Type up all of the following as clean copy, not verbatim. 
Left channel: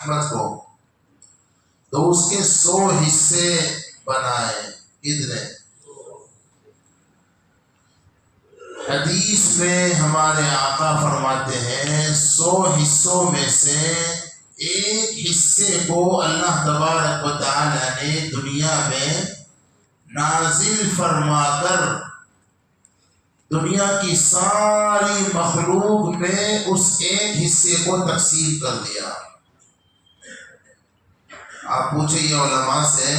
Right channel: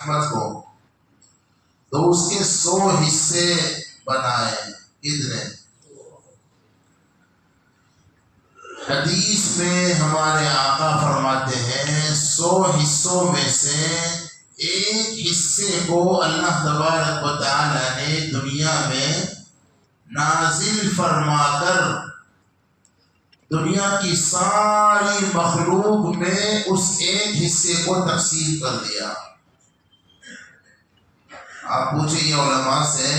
رحمت کو تو اس کے 100 حصے بنائے. کتنے؟ حدیث میں ہمارے آقا فرماتے ہیں 100 حصوں میں سے ایک حصے کو اللہ تبارک و تعالی نے دنیا میں نازل فرما کر دنیا کی ساری مخلوق میں اس ایک حصے کو تقسیم کر دیا. آپ پوچھیں یہ علماء سے،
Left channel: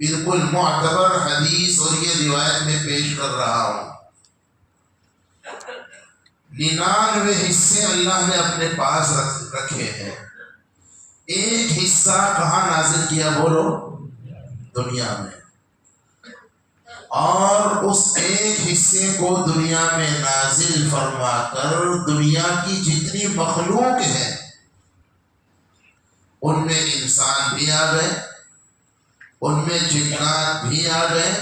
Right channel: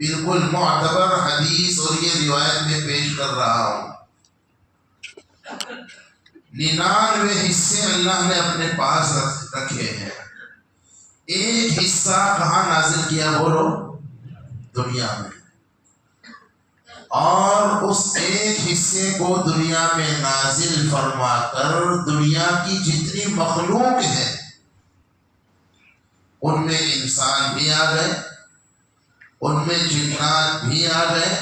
بالکل معتبر حدیث اور یہ روایت میں پیش کر رہا ہوں. 99 حصے اللہ نے اپنے پاس رکھے ہیں، ایک حصہ کہاں نازل کیا بولو؟ دنیا میں. اور اس ایک حصے کو دنیا میں نازل فرما کر دنیا کی جتنی مخلوق ہے ان میں انسان بھی آ گئے، ان میں جنات بھی آ گئے،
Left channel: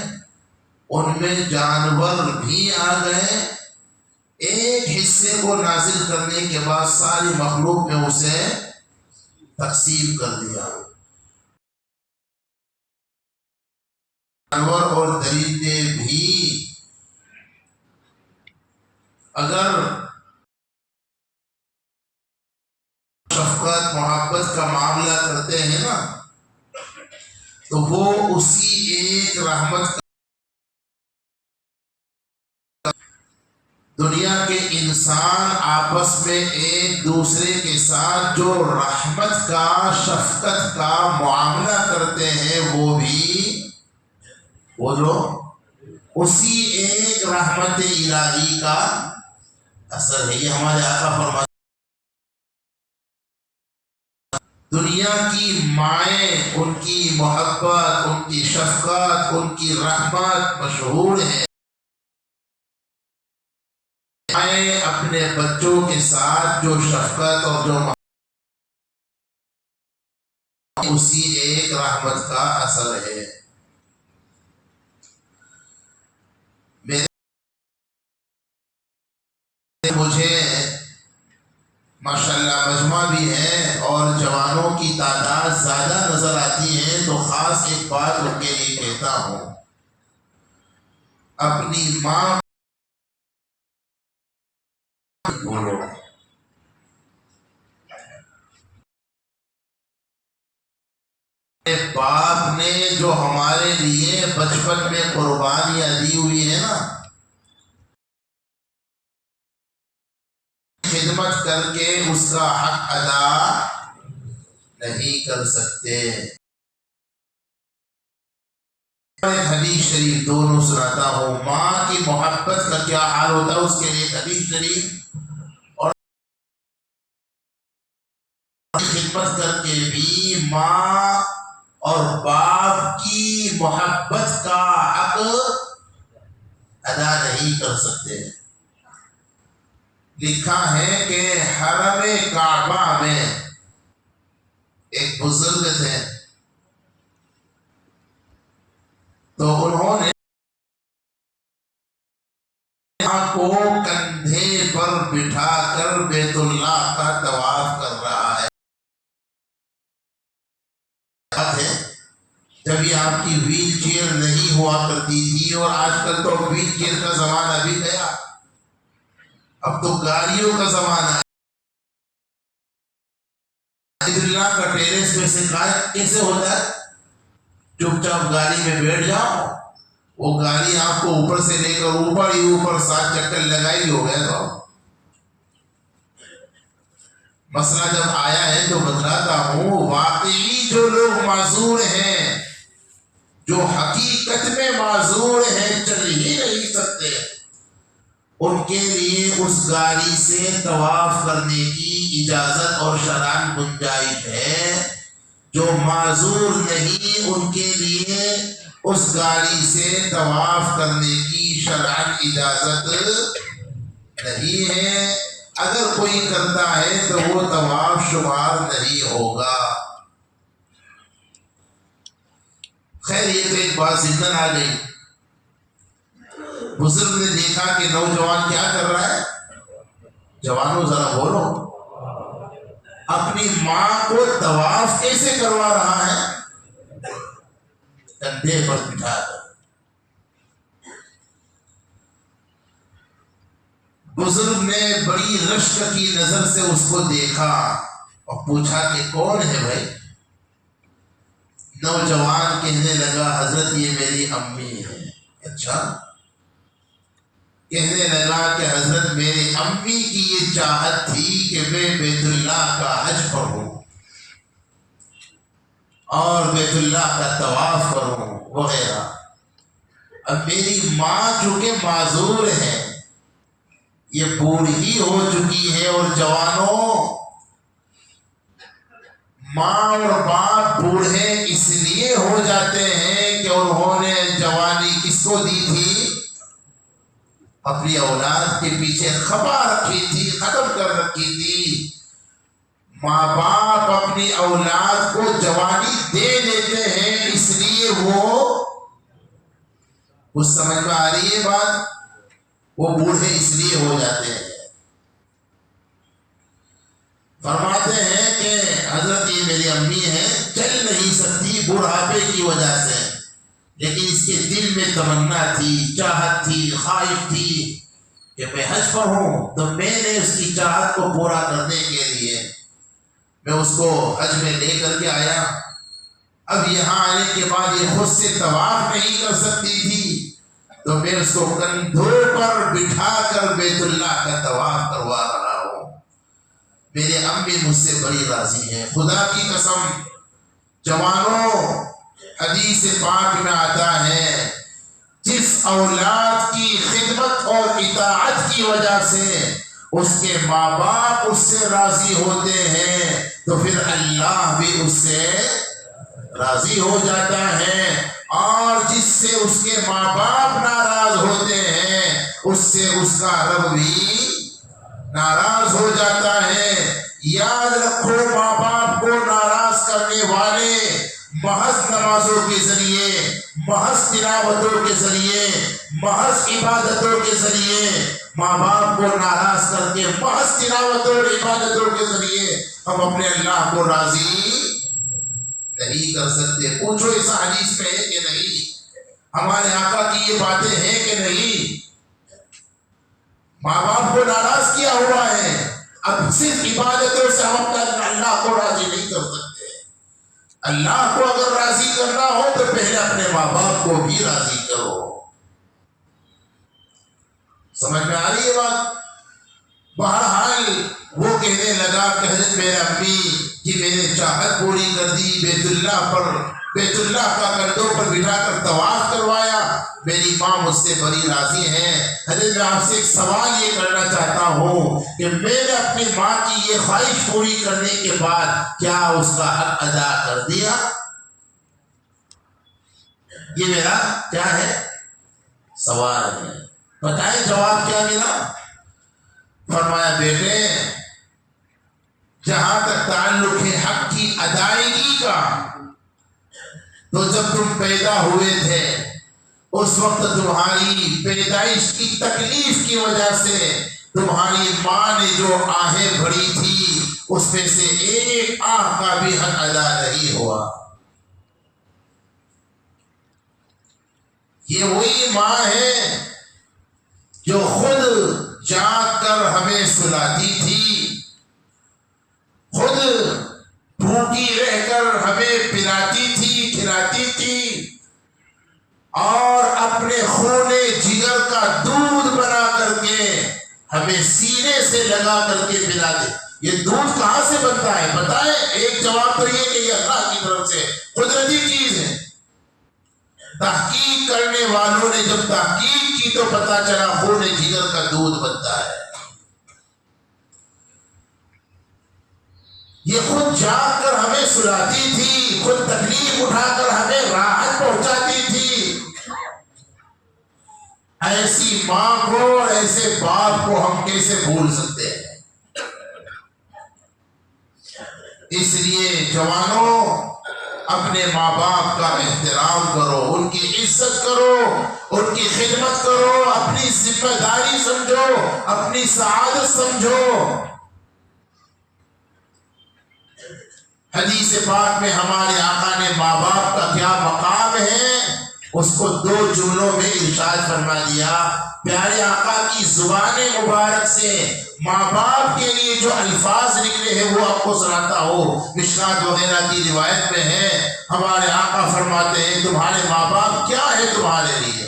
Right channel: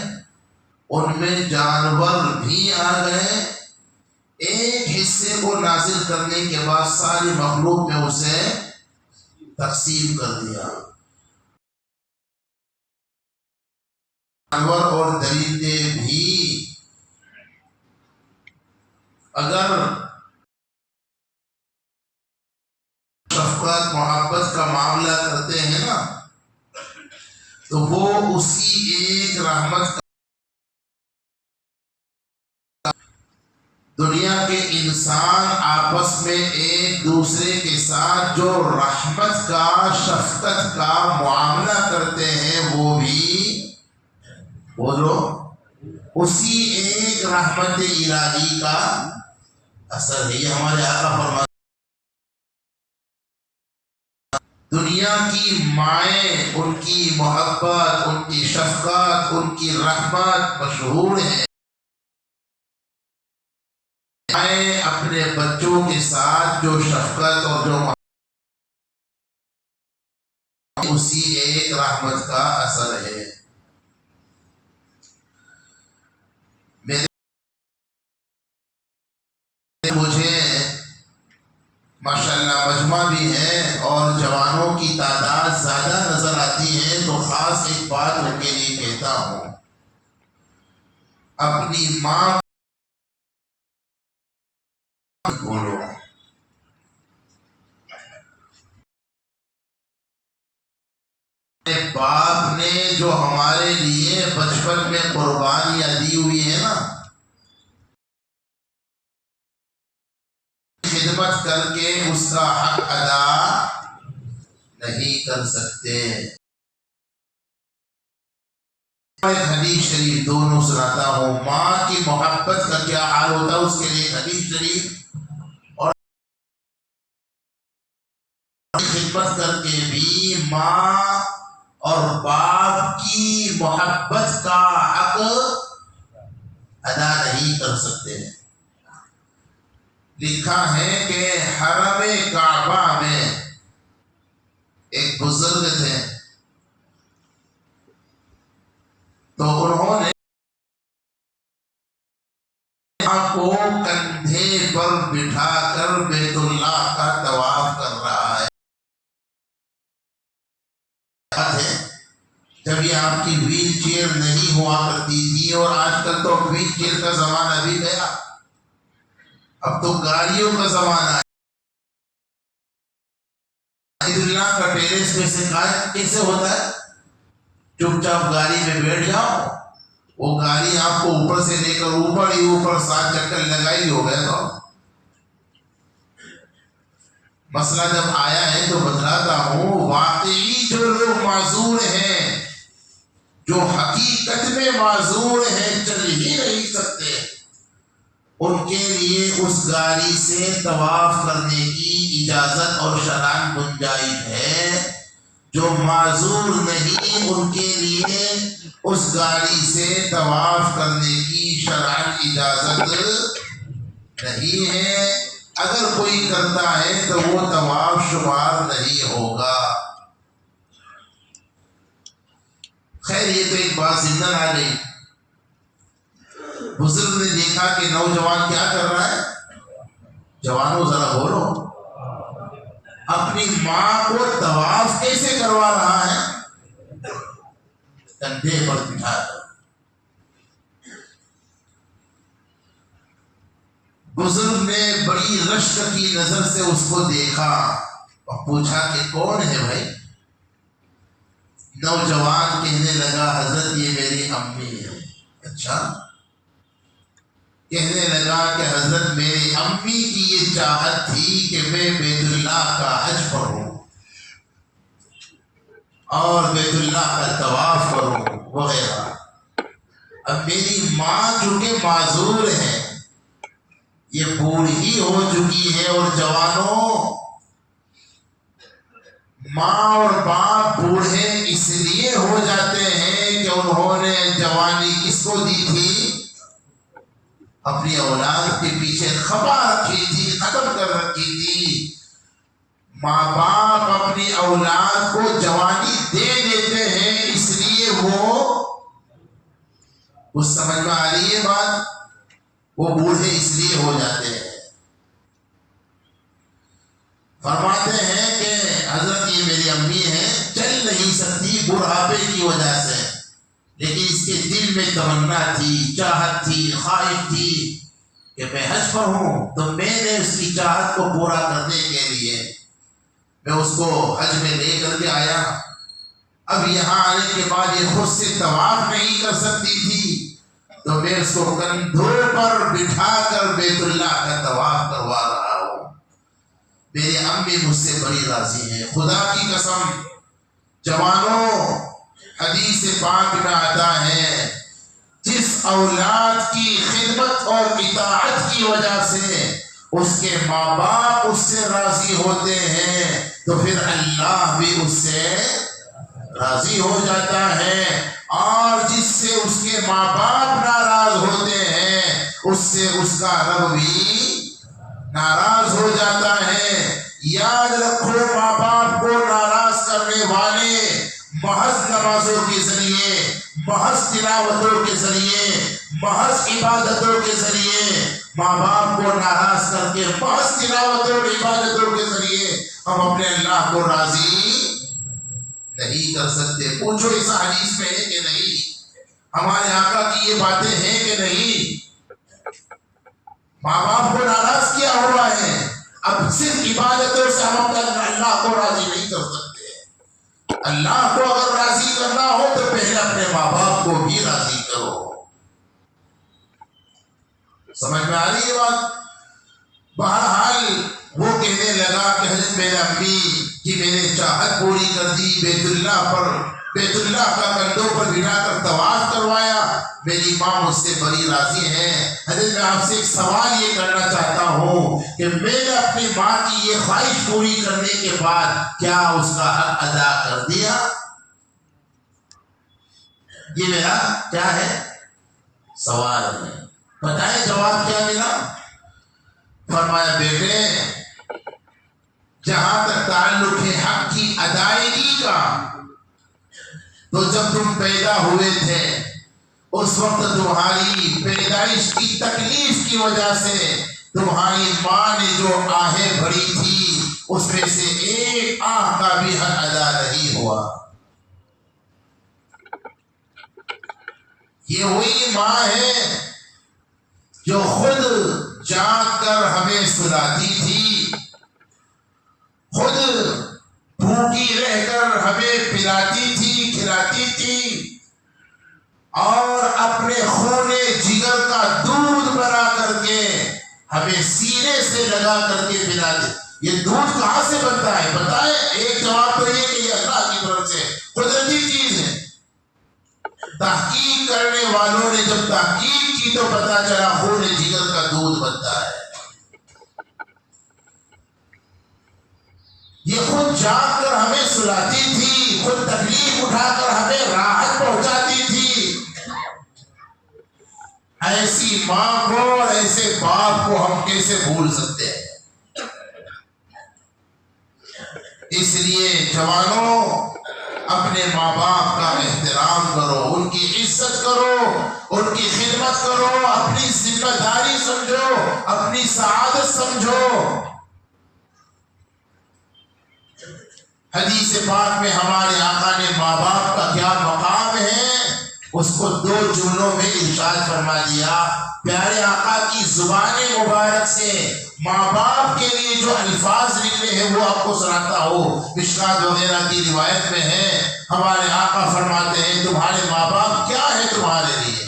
ان میں جانور بھی آ گئے. ایک حصے کو نازل کرنے کے بعد ساری مخلوق میں اسے تقسیم کر دیا. جانور اور درندے بھی اگر شفقت محبت کا معاملہ کرتے ہیں نا تو وہ اسی ایک رحمت کا دنیا کے انسان آپس میں ایک دوسرے کے ساتھ جو رحمت کا شفقت کا معاملہ کرتے ہیں وہ بھی وہ جو اسی ایک رحمت الہی کا اثر ہے. یہ ہمارے آقا فرماتے دنیا کی مائیں ان کی محبت، ان کی شفقت، ان کی رحمت مشہور ہے. مائیں اپنے بچوں کے ساتھ جو شفقت اور جو محبت اسی ایک رحمت کا اثر ہے. مجھے ماشاءاللہ مجمع بھی ہے اور جوانوں کی تعداد زیادہ نظر آتی ہے تو خاص ایک بات ان کے لیے کہتا ہوں، اپنی ماں بولو. باپ نے جو ہمارے لیے بچپن میں قربانیاں دی ہوئی ہے نا، خدمت کر کے اس کا حق ادا نہیں کر سکتے. ایک حدیث شریف دونوں سناتا ہوں. ماں کی محبت کا کیا حال ہوتا ہے اس کے لیے حدیث شریف، اور خدمت کر کے بھی ماں اور باپ کی محبت کا حق ادا نہیں کر سکتے. لکھا ہے کہ حرم کعبہ میں ایک بزرگ تھے تو انہوں نے کو کندھے پر بٹھا کر بیت اللہ کا طواف کر رہا ہے. جب یہ آپ کی ویل چیئر نہیں ہوا کرتی تھی، اور آج کل تو ویل چیئر کا زمانہ بھی گیا، اب تو گاڑیوں کا زمانہ ہے. بیت اللہ کا ٹیرس میں سے کیسے ہوتا ہے؟ چپ چاپ گاڑی میں بیٹھ جاؤ، وہ گاڑی آپ کو اوپر سے لے کر اوپر ہی اوپر 7 چکر لگائی ہو گئے. تو مسئلہ جب آیا ہے تو بتلاتا ہوں، واقعی جو لوگ معذور ہیں، جو حقیقت میں معذور ہیں، چل ہی نہیں سکتے، ان کے لیے اس گاڑی سے طواف کرنے کی اجازت اور شرعاً گنجائش ہے. جو معذور نہیں ان کے لیے اس گاڑی سے طواف کرنے کی شرعاً اجازت نہیں ہے. اگر کوئی کرتا ہے تو وہ طواف شمار نہیں ہوگا. خیر یہ تو ایک بات ضمن آ گئی. بزرگ نے دیکھا کہ نوجوان کیا کر رہا ہے. جوانوں ذرا بولو. اپنی ماں کو طواف کیسے کروا رہا ہے؟ کندھے پر بٹھا کر۔ بزرگ نے بڑی رشک کی نظر سے اس کو دیکھا اور پوچھا کہ کون ہے بھائی؟ نوجوان کہنے لگا حضرت یہ میری امی ہے۔ اچھا؟ کہنے لگا کہ حضرت میری امی کی یہ چاہت تھی کہ میں بیت اللہ کا حج پڑھوں اور بیت اللہ کا طواف کروں وغیرہ۔ اب میری ماں چونکہ معذور ہے، یہ بوڑھی ہو چکی ہے، اور جوانوں ماں اور باپ بوڑھے اس لیے ہو جاتے ہیں کہ انہوں نے جوانی کس کو دی تھی؟ اپنی اولاد کے پیچھے خفا رکھی تھی، ختم کر رکھی تھی۔ ماں باپ اپنی اولاد کو جوانی دے دیتے ہیں، اس لیے وہ سمجھ میں آ رہی ہے بات؟ وہ بوڑھے اس لیے ہو جاتے ہیں۔ فرماتے ہیں کہ حضرت یہ میری امی ہے، چل نہیں سکتی بڑھاپے کی وجہ سے، لیکن اس کے دل میں تمنا تھی، چاہت تھی، خواہش تھی کہ میں حج پڑھوں، تو میں نے اس کی چاہت کو پورا کرنے کے لیے میں اس کو حج میں لے کر کے آیا۔ اب یہاں آنے کے بعد یہ خود سے طواف نہیں کر سکتی تھی، تو میں اس کو کندھوں پر بٹھا کر بیت اللہ کا طواف کروا رہا ہوں۔ میرے امی مجھ سے بڑی راضی ہیں، خدا کی قسم۔ جوانوں، حدیث پاک میں آتا ہے جس اولاد کی خدمت اور اطاعت کی وجہ سے اس کے ماں باپ اس سے راضی ہوتے ہیں، تو پھر اللہ بھی اس سے راضی ہو جاتا ہے، اور جس سے اس کے ماں باپ ناراض ہوتے ہیں اس سے اس کا رب بھی ناراض ہو جاتا ہے۔ یاد رکھو، ماں باپ کو ناراض کرنے والے محض نمازوں کے ذریعے، محض تلاوتوں کے ذریعے، محض عبادتوں کے ذریعے ماں باپ کو ناراض کر کے محض تلاوتوں اور عبادتوں کے ذریعے ہم اپنے اللہ کو راضی نہیں کر سکتے۔ پوچھو ایسا حدیث میں ہے کہ نہیں؟ ہمارے آقا کی یہ باتیں ہیں کہ نہیں؟ ماں باپ کو ناراض کیا ہوا ہے، اب صرف عبادتوں سے ہم اپنا اللہ کو راضی نہیں کر سکتے۔ اللہ کو اگر راضی کرنا ہو تو پہلے اپنے ماں باپ کو بھی راضی کرو۔ سمجھ میں آ رہی ہے بات؟ بہرحال وہ کہنے لگا کہ حضرت میرے امی کی میں نے چاہت پوری کر دی، بیت اللہ کا کندھوں پر بٹھا کر طواف کروایا، میری ماں مجھ سے بڑی راضی ہیں۔ حضرت میں آپ سے ایک سوال یہ کرنا چاہتا ہوں کہ میں نے اپنی ماں کی یہ خواہش پوری کرنے کے بعد کیا اس کا حق ادا کر دیا؟ یہ میرا کیا ہے؟ سوال ہے۔ بتائیں جواب کیا ملا؟ فرمایا بیٹے، جہاں تک تعلق ہے حق کی ادائیگی کا، تو جب تم پیدا ہوئے تھے اس وقت تمہاری پیدائش کی تکلیف کی وجہ سے تمہاری ماں نے جو آہیں بھری تھی اس میں سے ایک آہ کا بھی حق ادا نہیں ہوا۔ یہ وہی ماں ہے جو خود جاگ کر ہمیں سلاتی تھی، خود بھوکی رہ کر ہمیں پلاتی تھی، کھلاتی تھی، اور اپنے خون جگر کا دودھ بنا کر کے ہمیں سینے سے لگا کر کے پلاتے۔ یہ دودھ کہاں سے بنتا ہے بتائیں؟ ایک جواب تو یہ کہ یہ اللہ کی طرف سے قدرتی چیز ہے۔ تحقیق کرنے والوں نے جب تحقیق کی تو پتا چلا خون جگر کا دودھ بنتا ہے۔ یہ خود جاگ کر ہمیں سلاتی تھی، خود تکلیف اٹھا کر ہمیں راحت پہنچاتی تھی۔ ایسی ماں کو اور ایسے باپ کو ہم کیسے بھول سکتے ہیں؟ اس لیے جوانوں، اپنے ماں باپ کا احترام کرو، ان کی عزت کرو، ان کی خدمت کرو، اپنی ذمہ داری سمجھو، اپنی سعادت سمجھو۔ حدیث پاک میں ہمارے آقا نے ماں باپ کا کیا مقام ہے اس کو 2 جملوں میں ارشاد فرما دیا۔ پیارے آقا کی زبان مبارک سے ماں باپ کے لیے جو الفاظ نکلے ہیں وہ آپ کو سناتا ہو۔ مشکات وغیرہ کی روایت میں ہے، ہمارے آقا فرماتے ہیں تمہارے ماں باپ کیا ہے تمہارے لیے،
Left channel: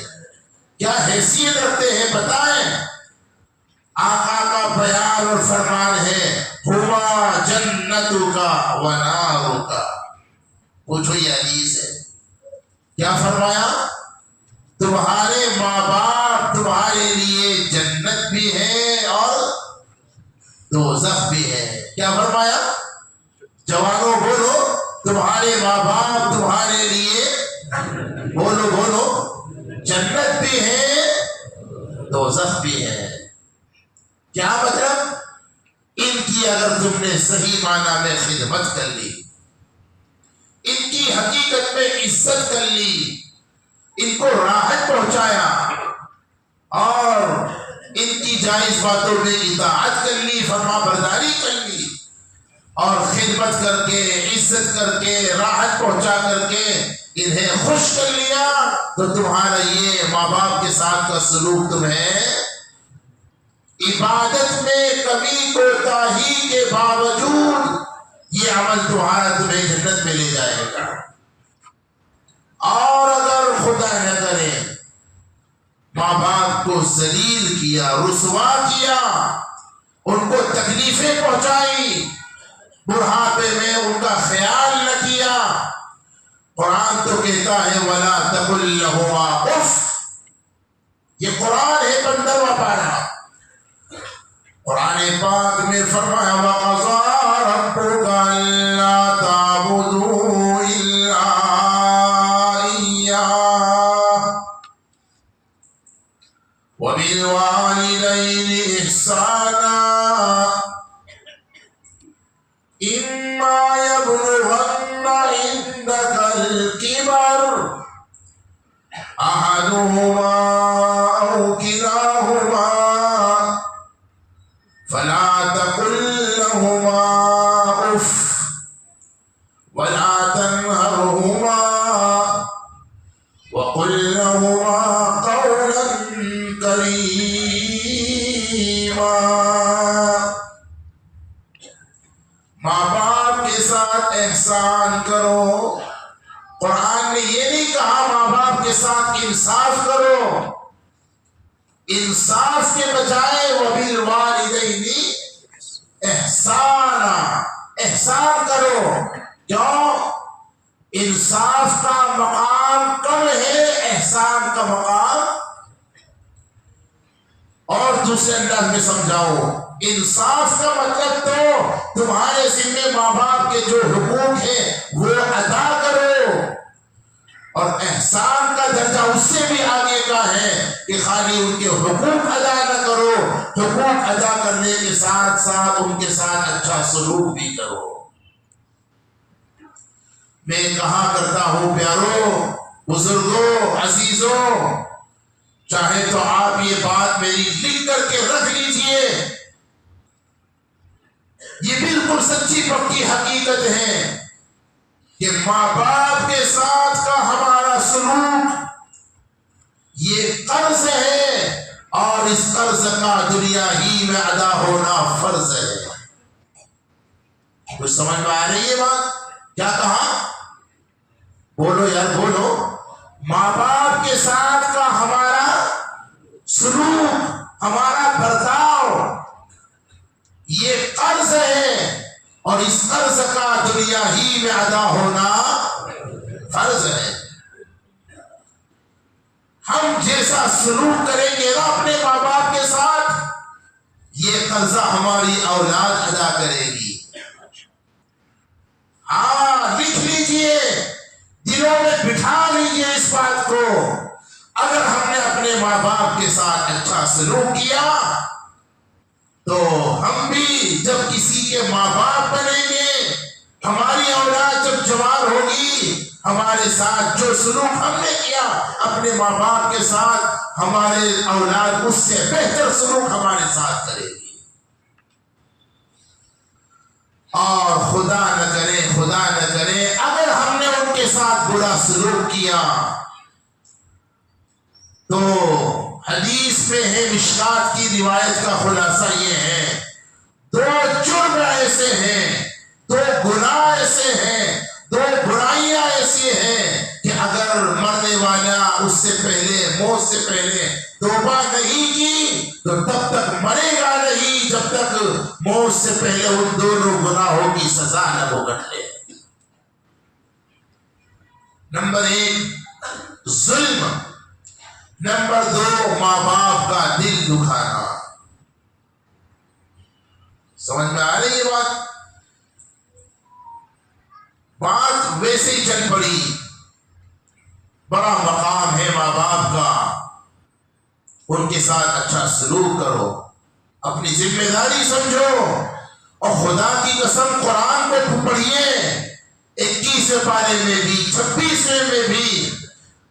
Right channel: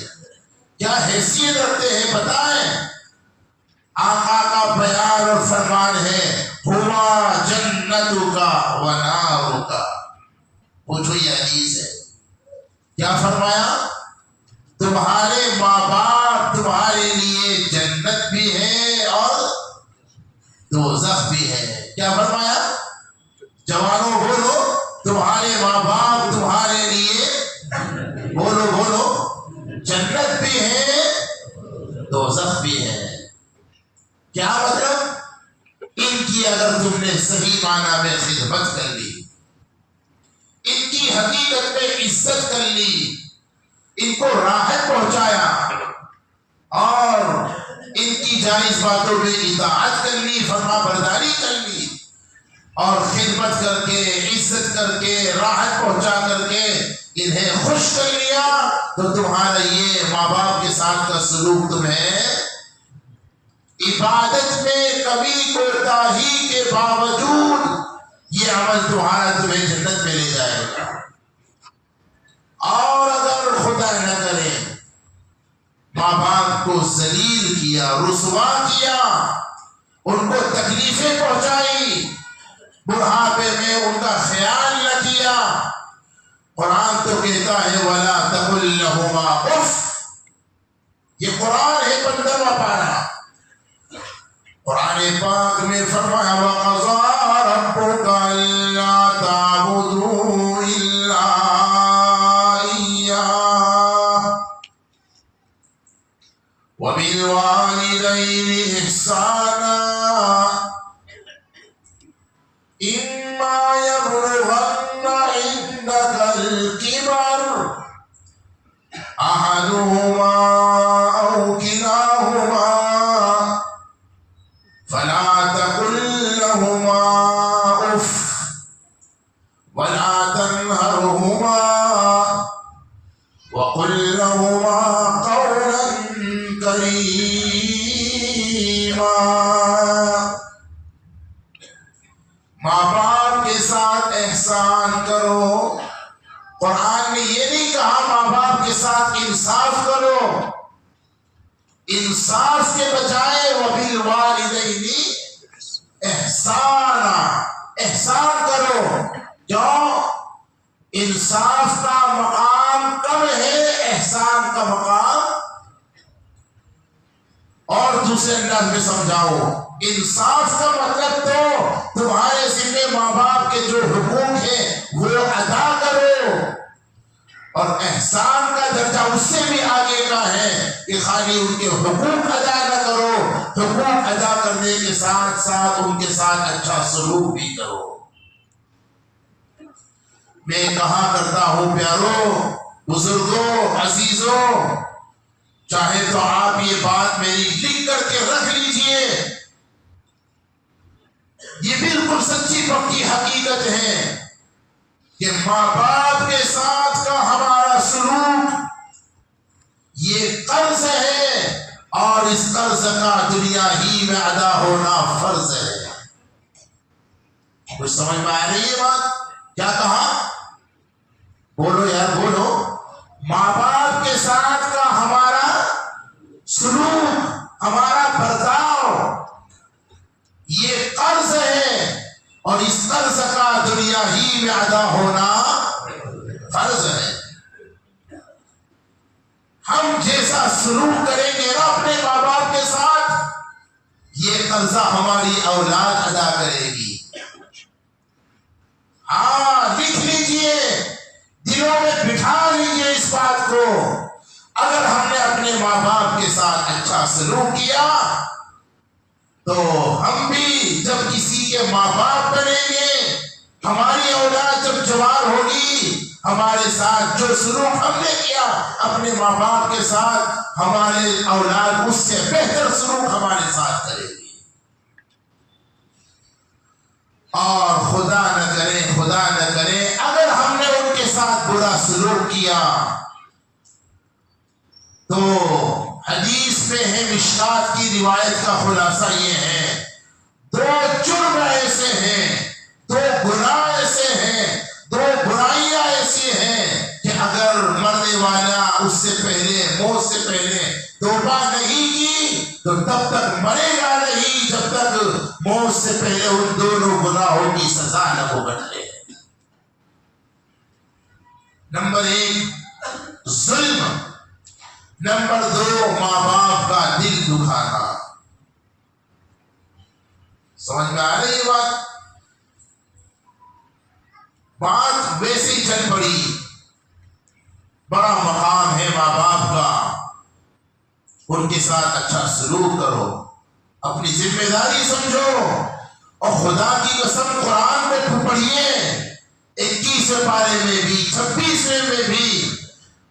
کیا حیثیت رکھتے ہیں بتائیں۔ آقا کا بیان اور فرمان ہے ہوا جنتو کا و نارو کا۔ پوچھو یہ حدیث ہے، کیا فرمایا؟ تمہارے ماں باپ تمہارے لیے جنت بھی ہے اور دوزخ بھی ہے۔ کیا فرمایا؟ جوانوں بولو، تمہارے ماں باپ تمہارے لیے بولو بولو جنت بھی ہے دوزخ بھی ہے۔ کیا مطلب؟ ان کی اگر تم نے صحیح معنی میں خدمت کر لی، ان کی حقیقت میں عزت کر لی، ان کو راحت پہنچایا اور ان کی جائز باتوں میں اطاعت کر لی، فرما برداری کر لی اور خدمت کر کے عزت کر کے راحت پہنچا کر کے انہیں خوش کر لیا، تو تمہارا یہ ماں باپ کے ساتھ کا سلوک تمہیں عبادت میں کمی کوتاہی کے باوجود یہ عمل تمہیں جنت میں لے جائے گا۔ اور اگر خدا نہ کرے ماں باپ کو ذلیل کیا، رسوا کیا، ان کو تکلیفیں پہنچائی، بڑھاپے میں ان کا خیال نہ کیا، قرآن تو کہتا ہے وَلَا تَقُلْ لَهُمَا اُفٍّ، یہ قرآن ہے 15واں پارہ، قرآن پاک میں فرمایا وَقَضَىٰ رَبُّكَ أَلَّا تَعْبُدُوا إِلَّا إِيَّاهُ وَبِالْوَالِدَيْنِ إِحْسَانًا إِمَّا يَبْلُغَنَّ عِندَكَ الْكِبَرَ أَحَدُهُمَا أَوْ كِلَاهُمَا فَلَا تَقُل لَّهُمَا أُفٍّ وَلَا تَنْهَرْهُمَا وَقُل لَّهُمَا قَوْلًا كَرِيمًا۔ ماں باپ کے ساتھ احسان کرو۔ قرآن نے یہ نہیں کہا ماں باپ کے ساتھ انصاف کرو، انصاف کے بجائے وَبِالْوَالِدَيْنِ احسانا، احسان کرو۔ کیوں؟ انصاف کا مقام کم ہے، احسان کا مقام اور دوسرے انداز میں سمجھاؤ۔ انصاف کا مطلب تو تمہارے ذمہ ماں باپ کے جو حقوق ہیں وہ ادا کرو، اور احسان کا درجہ اس سے بھی آگے کا ہے کہ خالی ان کے حقوق ادا نہ کرو، حقوق ادا کرنے کے ساتھ ساتھ ان کے ساتھ اچھا سلوک بھی کرو۔ میں کہا کرتا ہوں پیاروں، بزرگوں، عزیزوں، چاہے تو آپ یہ بات میری لکھ کر کے رکھ لیجئے، یہ بالکل سچی پکی حقیقت ہے کہ ماں باپ کے ساتھ کا ہمارا سلوک یہ قرض ہے، اور اس قرض کا دنیا ہی میں ادا ہونا فرض ہے۔ کچھ سمجھ میں آ رہی ہے بات؟ کیا کہا؟ بولو یار بولو۔ ماں باپ کے ساتھ کا ہمارا سلوک، ہمارا برتاؤ یہ قرض ہے، اور اس قرض کا دنیا ہی میں ادا ہونا فرض ہے۔ ہم جیسا سلوک کریں گے نا اپنے ماں باپ کے ساتھ، یہ قرضہ ہماری اولاد ادا کرے گی۔ ہاں لکھ لیجئے، دلوں میں بٹھا لیجئے اس بات کو۔ اگر ہم نے اپنے ماں باپ کے ساتھ اچھا سلوک کیا تو ہم بھی جب کسی کے ماں باپ بنیں گے، ہماری اولاد جب جوان ہوگی، ہمارے ساتھ جو سلوک ہم نے کیا اپنے ماں باپ کے ساتھ، ہمارے اولاد اس سے بہتر سلوک ہمارے ساتھ کرے گی۔ اور خدا نہ کرے اگر ہم نے ان کے ساتھ برا سلوک کیا تو حدیث میں ہے، مشکات کی روایت کا خلاصہ یہ ہے، دو جرم ایسے ہیں، دو گناہ ایسے ہیں، دو برائیاں ایسی ہیں کہ اگر مرنے والا اس سے پہلے، موت سے پہلے توبہ نہیں کی تو تب تک مرے گا نہیں جب تک موت سے پہلے ان دونوں گناہوں کی سزا نہ بھگت لے۔ نمبر 1 ظلم، نمبر 2 ماں باپ کا دل دکھانا۔ سمجھ میں آ رہی ہے بات ویسے ہی چل پڑی، بڑا مقام ہے ماں باپ کا، ان کے ساتھ اچھا سلوک کرو، اپنی ذمہ داری سمجھو، اور خدا کی قسم قرآن کو پڑھیے، 21ویں پارے میں بھی 26ویں میں بھی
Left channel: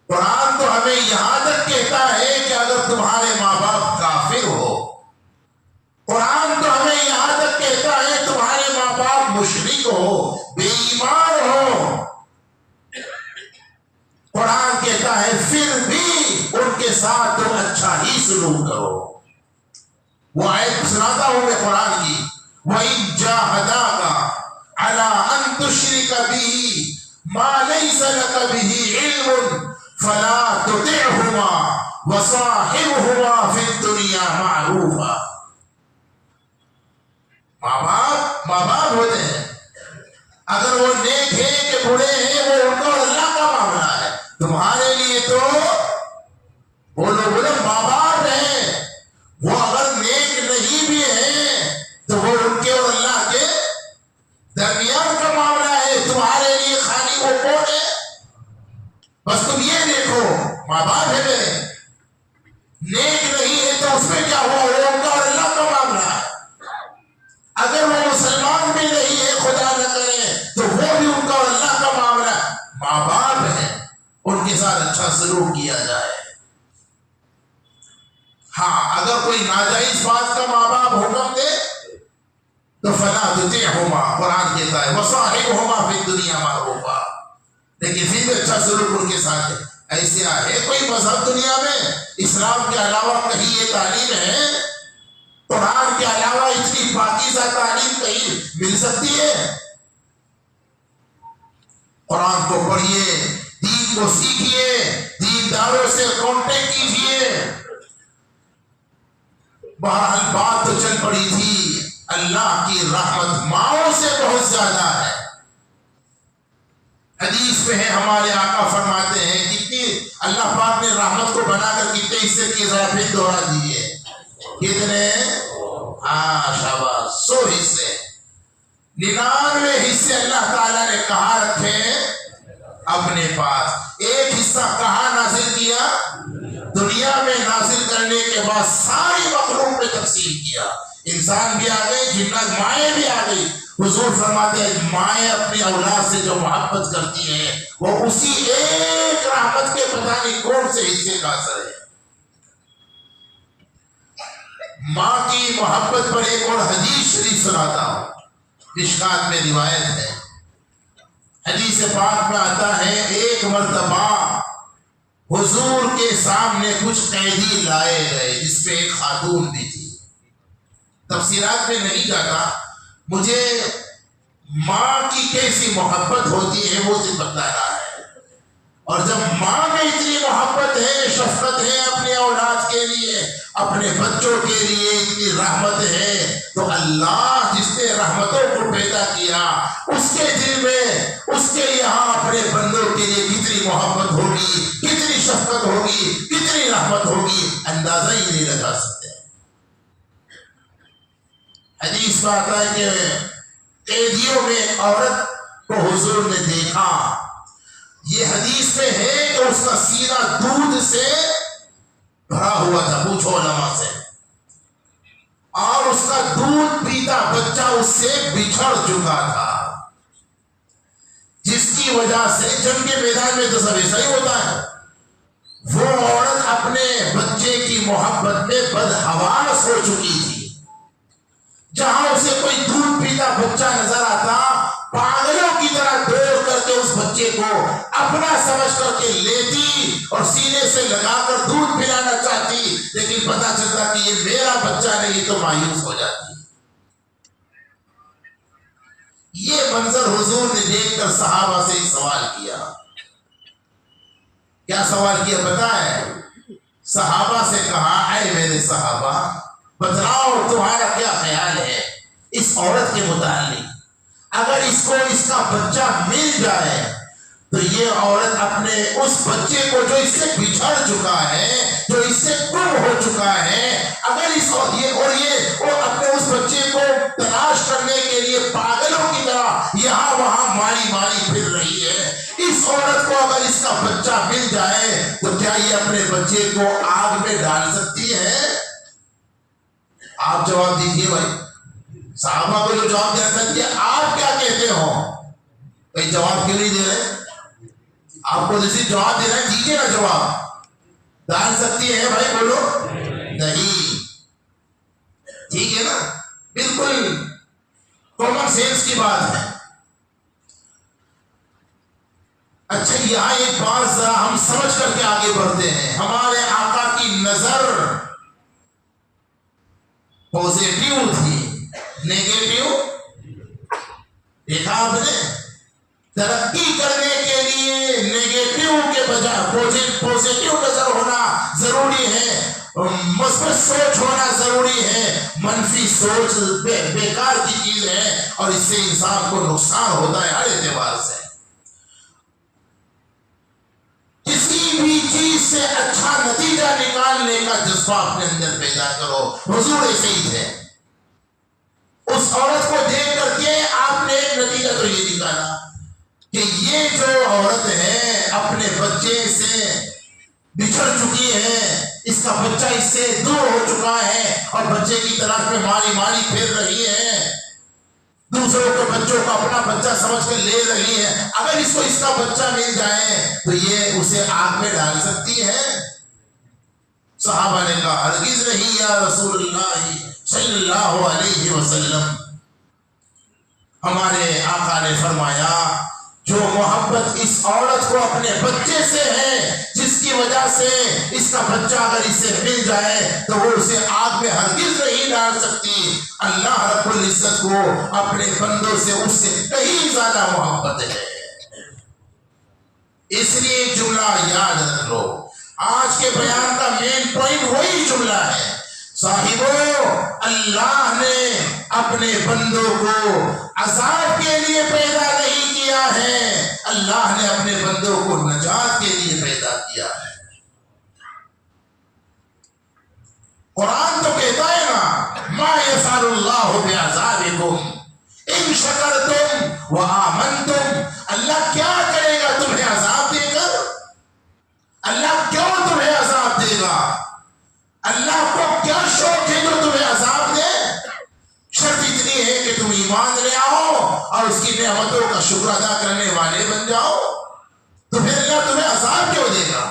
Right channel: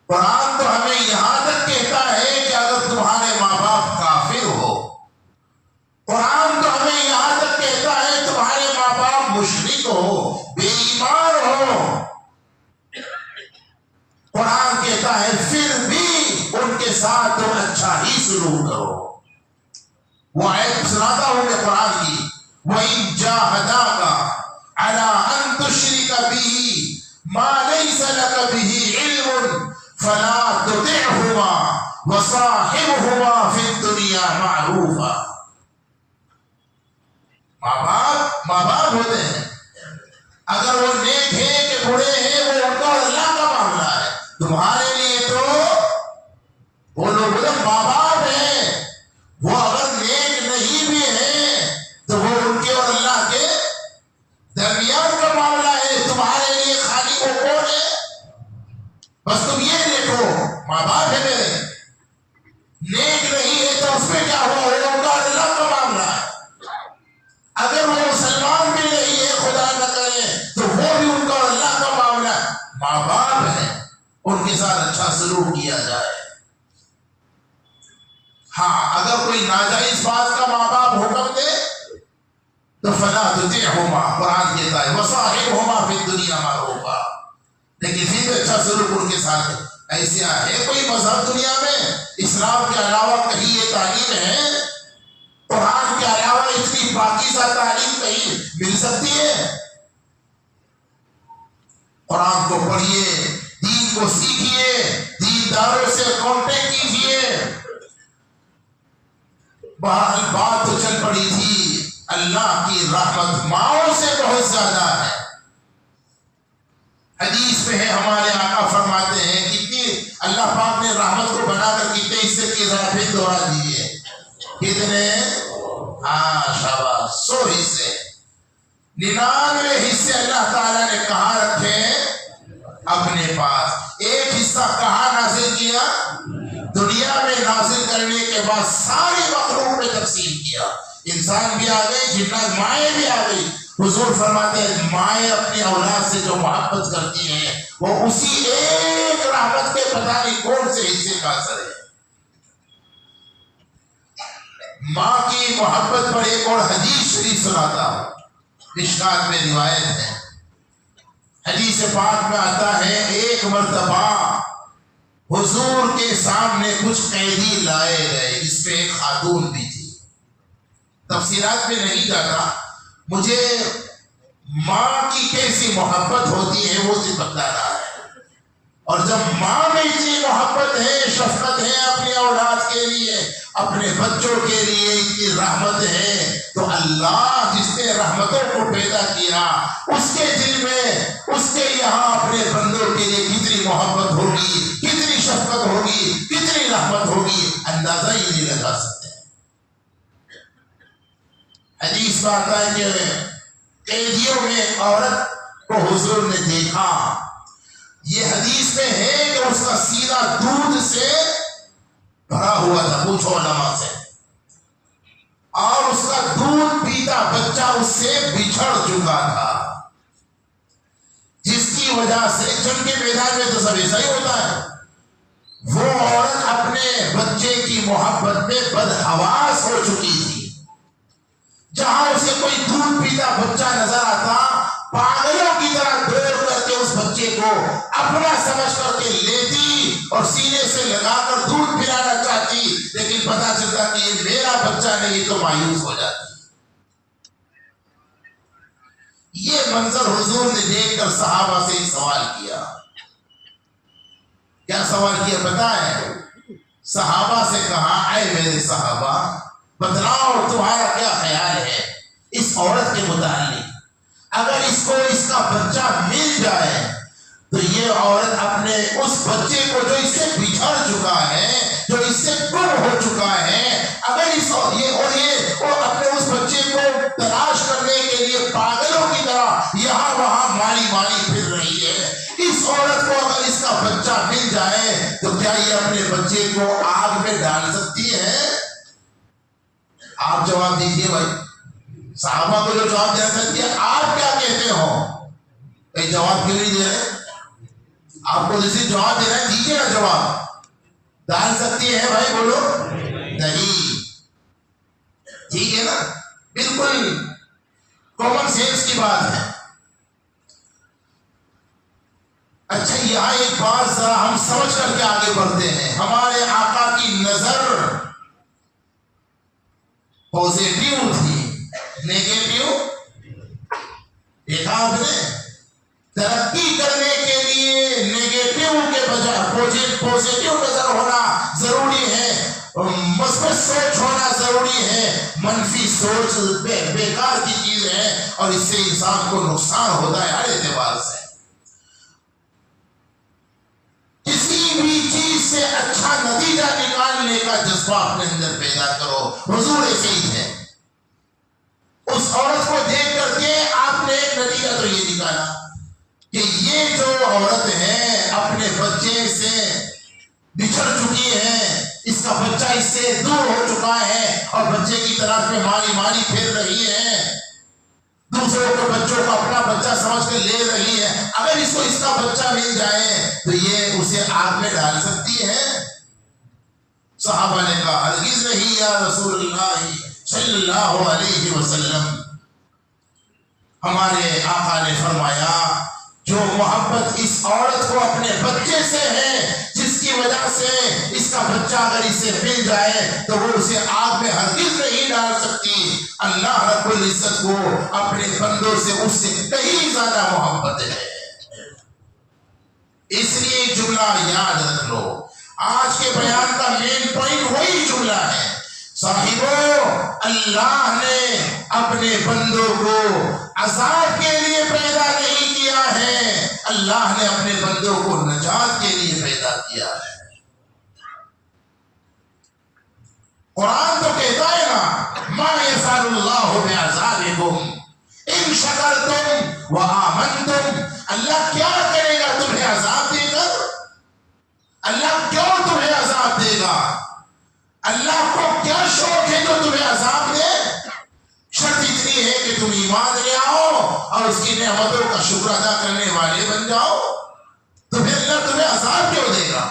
قرآن تو ہمیں یہاں تک کہتا ہے کہ اگر تمہارے ماں باپ کافر ہو، قرآن تو ہمیں یہاں تک کہتا ہے تمہارے ماں باپ مشرک ہو، بے ایمان ہو، قرآن کہتا ہے پھر بھی ان کے ساتھ تم اچھا ہی سلوک کرو۔ وہ آیت سناتا ہوں میں قرآن کی، وَإِن جَاهَدَاكَ عَلَىٰ أَن تُشْرِكَ بِهِ مَا لَيْسَ لَكَ بِهِ عِلْمٌ فَلَا تُطِعْهُمَا وَصَاحِبْهُمَا فِي الدُّنْيَا مَعْرُوفًا۔ ماں باپ ہوتے ہیں، اگر وہ نیک ہے کہ برے ہیں وہ ان کا اور اللہ کا معاملہ ہے، تمہارے لیے تو وہ لوگ ماں باپ ہیں، وہ اگر نیک نہیں بھی ہیں تو وہ ان کے اور اللہ کے درمیان کا معاملہ ہے، تمہارے لیے خالی وہ کون ہے؟ بس تم یہ دیکھو ماں باپ ہے میرے، نیک نہیں ہے تو اس میں کیا ہوا، وہ ان کا اور اللہ کا معاملہ ہے، اگر وہ مسلمان بھی نہیں ہے خدا نہ کرے تو وہ بھی ان کا اور اللہ کا معاملہ ہے، ماں باپ ہے، ان کے ساتھ اچھا سلوک کیا جائے۔ ہاں اگر کوئی ناجائز بات کا ماں باپ حکم دے تو فلا تطعهما، قرآن کہتا ہے وصاحبهما فی الدنیا معروفا، لیکن پھر بھی اچھا سلوک ان کے ساتھ ہے۔ ایسے ہے کوئی مذہب دنیا میں اسلام کے علاوہ کہیں یہ تعلیم ہے؟ قرآن کے علاوہ اتنی پاکیزہ تعلیم کہیں مل سکتی ہے؟ قرآن کو پڑھیے، دین کو سیکھیے، دینداروں سے کانٹیکٹ کیجیے۔ بہرحال بات تو چل پڑی تھی، اللہ کی رحمت ماؤں سے بہت زیادہ ہے۔ حدیث میں ہے ہمارے آقا فرماتے ہیں کتنی اللہ پاک نے رحمت کو بنا کر کتنے حصے کیے، ذرا پھر دوہرا دیجیے، کتنے؟ شاباش، 100 حصے، 99 حصے اللہ تعالیٰ نے کہاں رکھے؟ اپنے پاس۔ ایک حصہ کہاں نازل کیا؟ دنیا میں نازل کرنے کے بعد ساری مخلوق میں تقسیم کیا، انسان بھی آ گئے، جنات، مائیں بھی آ گئی۔ حضور فرماتے ہیں مائیں اپنی اولاد سے جو محبت کرتی ہیں وہ اسی ایک رحمت کے پتہ نہیں کون سے حصے کا اثر ہے۔ ماں کی محبت پر ایک اور حدیث شریف سناتا ہوں، مشکات میں روایت ہے، حدیث پاک میں آتا ہے ایک مرتبہ حضور کے سامنے کچھ قیدی لائے گئے جس میں ایک خاتون بھی تھی۔ تفسیرات میں نہیں جاتا، مجھے ماں کی کیسی محبت ہوتی ہے وہ صرف بتانا ہے، اور جب ماں میں اتنی محبت ہے، شفقت ہے اپنے اولاد کے لیے، اپنے بچوں کے لیے اتنی رحمت ہے، تو اللہ جس نے رحمتوں کو پیدا کیا اس کے دل میں، اس کے یہاں اپنے بندوں کے لیے کتنی محبت ہوگی، کتنی شفقت ہوگی، کتنی رحمت ہوگی، اندازہ ہی نہیں لگا سکتے۔ حدیث میں آتا ہے کہ قیدیوں میں ایک عورت کو حضور نے دیکھا، یہ حدیث میں ہے کہ اس کا سینہ دودھ سے بھرا ہوا تھا، پوچھو علماء سے، اور اس کا دودھ پیتا بچہ اس سے بچھڑ چکا تھا، جس کی وجہ سے جنگ کے میدان میں تو سب ایسا ہی ہوتا ہے، وہ عورت اپنے بچے کی محبت میں بدحواس ہو چکی تھی، جہاں اسے کوئی دودھ پیتا بچہ نظر آتا پاگلوں کی طرح دوڑ کر کے اس بچے کو اپنا سمجھ کر کے لیتی اور سینے سے لگا کر دودھ پلانا چاہتی، لیکن پتا چلتا کہ یہ میرا بچہ نہیں، تو مایوس ہو جاتی۔ یہ منظر حضور نے دیکھ کر صحابہ سے ایک سوال کیا۔ کیا سوال کیا پتا ہے؟ صحابہ سے کہا اے میرے صحابہ بتلاؤ تمہارا کیا خیال ہے اس عورت کے متعلق، اگر اس کو اس کا بچہ مل جائے تو یہ عورت اپنے اس بچے کو جو اس سے بچھڑ چکا ہے، جو اس سے گم ہو چکا ہے، اگر اس اور اپنے اس بچے کو تلاش کرنے کے لیے پاگلوں کی طرح یہاں وہاں ماری پھر رہی ہے، اس عورت کو اگر اس کا بچہ مل جائے تو کیا یہ اپنے بچے کو آگ میں ڈال سکتی ہے؟ آپ جواب دیجئے بھائی، صحابہ کو جو جواب دینا چاہتی ہے، آپ کیا کہتے ہو؟ کئی جواب کیوں نہیں دے رہے؟ آپ کو جیسے جواب دینا ہے دیجئے نا جواب۔ ڈال سکتی ہے بھائی، بولو نہیں، ٹھیک ہے نا، بالکل کامن سینس کی بات ہے۔ اچھا یہاں ایک بات ذرا ہم سمجھ کر کے آگے بڑھتے ہیں۔ ہمارے آقا کی نظر پوزیٹیو تھی، نیگیٹیو دیکھا آپ نے؟ ترقی کرنے کے لیے نیگیٹیو کے بجائے پوزیٹیو نظر ہونا ضروری ہے، مثبت سوچ ہونا ضروری ہے۔ منفی سوچ بیکار کی چیز ہے اور اس سے انسان کو نقصان ہوتا ہے ہر اعتبار سے۔ کسی بھی چیز سے اچھا نتیجہ نکالنے کا جذبہ اپنے اندر پیدا کرو۔ حضور ایسے ہی تھے، اس عورت کو دیکھ کر کے آپ نے ایک نتیجہ تو یہ نکالا کہ یہ جو عورت ہے اپنے بچے سے بچھڑ چکی ہے، اس کا بچہ اس سے دور ہو چکا ہے اور بچے کی تلاش میں ماری پھر رہی ہے، دوسروں کے بچوں کو اپنا بچہ سمجھ کر لے رہی ہے، اگر اس کو اس کا بچہ مل جائے تو یہ اسے آگ میں ڈال سکتی ہے؟ صحابہ نے کہا ہرگز نہیں یا رسول اللہ صلی اللہ علیہ وسلم۔ ہمارے آقا نے فرمایا جو محبت اس عورت کو اپنے بچے سے ہے، جس کی وجہ سے اس کا بچہ اگر اسے مل جائے تو وہ اسے آگ میں ہرگز نہیں ڈال سکتی۔ اللہ رب العزت کو اپنے بندوں سے اس سے کہیں زیادہ محبت ہے۔ اس لیے ایک جملہ یاد رکھ لو، آج کے بیان کا مین پوائنٹ وہی جملہ ہے، صاحبوں اللہ نے اپنے بندوں کو عذاب کے لیے پیدا نہیں کیا ہے، اللہ نے اپنے بندوں کو نجات کے لیے پیدا کیا ہے۔ قرآن تو کہتا ہے نا ما یفعل اللہ بعذابکم ان شکرتم وآمنتم، اللہ کیا کرے گا تمہیں عذاب دے کر؟ اللہ کیوں تمہیں عذاب دے گا؟ اللہ کو کیا شوق ہے جو تمہیں عذاب دے؟ شرط اتنی ہے کہ تم ایمان لے آؤ اور اس کی نعمتوں کا شکر ادا کرنے والے بن جاؤ، تو پھر اللہ تمہیں عذاب کیوں دے گا؟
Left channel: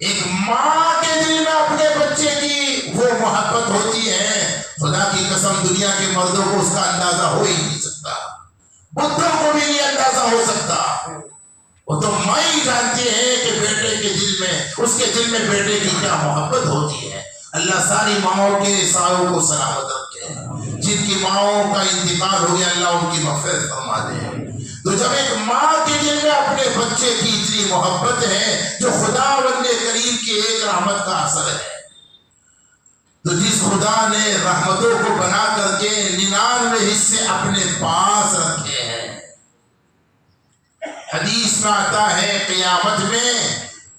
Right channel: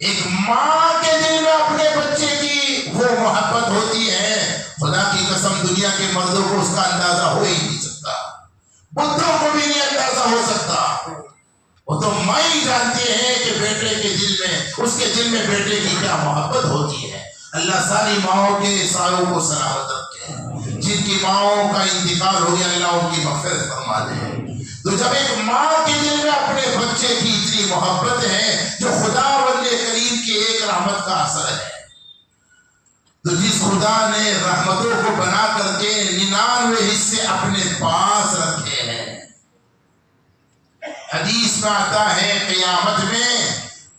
ایک ماں کے دل میں اپنے بچے کی وہ محبت ہوتی ہے، خدا کی قسم دنیا کے مردوں کو اس کا اندازہ ہو ہی نہیں سکتا، بتوں کو بھی نہیں اندازہ ہو سکتا۔ وہ تو ماں ہی جانتی ہے کہ بیٹے کے دل میں، اس کے دل میں بیٹے کی کیا محبت ہوتی ہے۔ اللہ ساری ماؤں کے سایوں کو سلامت رکھے، جن کی ماؤں کا انتقال ہو گیا اللہ ان کی مغفرت فرما دے۔ تو جب ایک ماں کے دل میں اپنے بچے کی اتنی محبت ہے جو خداوند کریم کی ایک رحمت کا اثر ہے، تو جس خدا نے رحمتوں کو بنا کر کے 99 حصے اپنے پاس رکھے ہیں، حدیث میں آتا ہے قیامت میں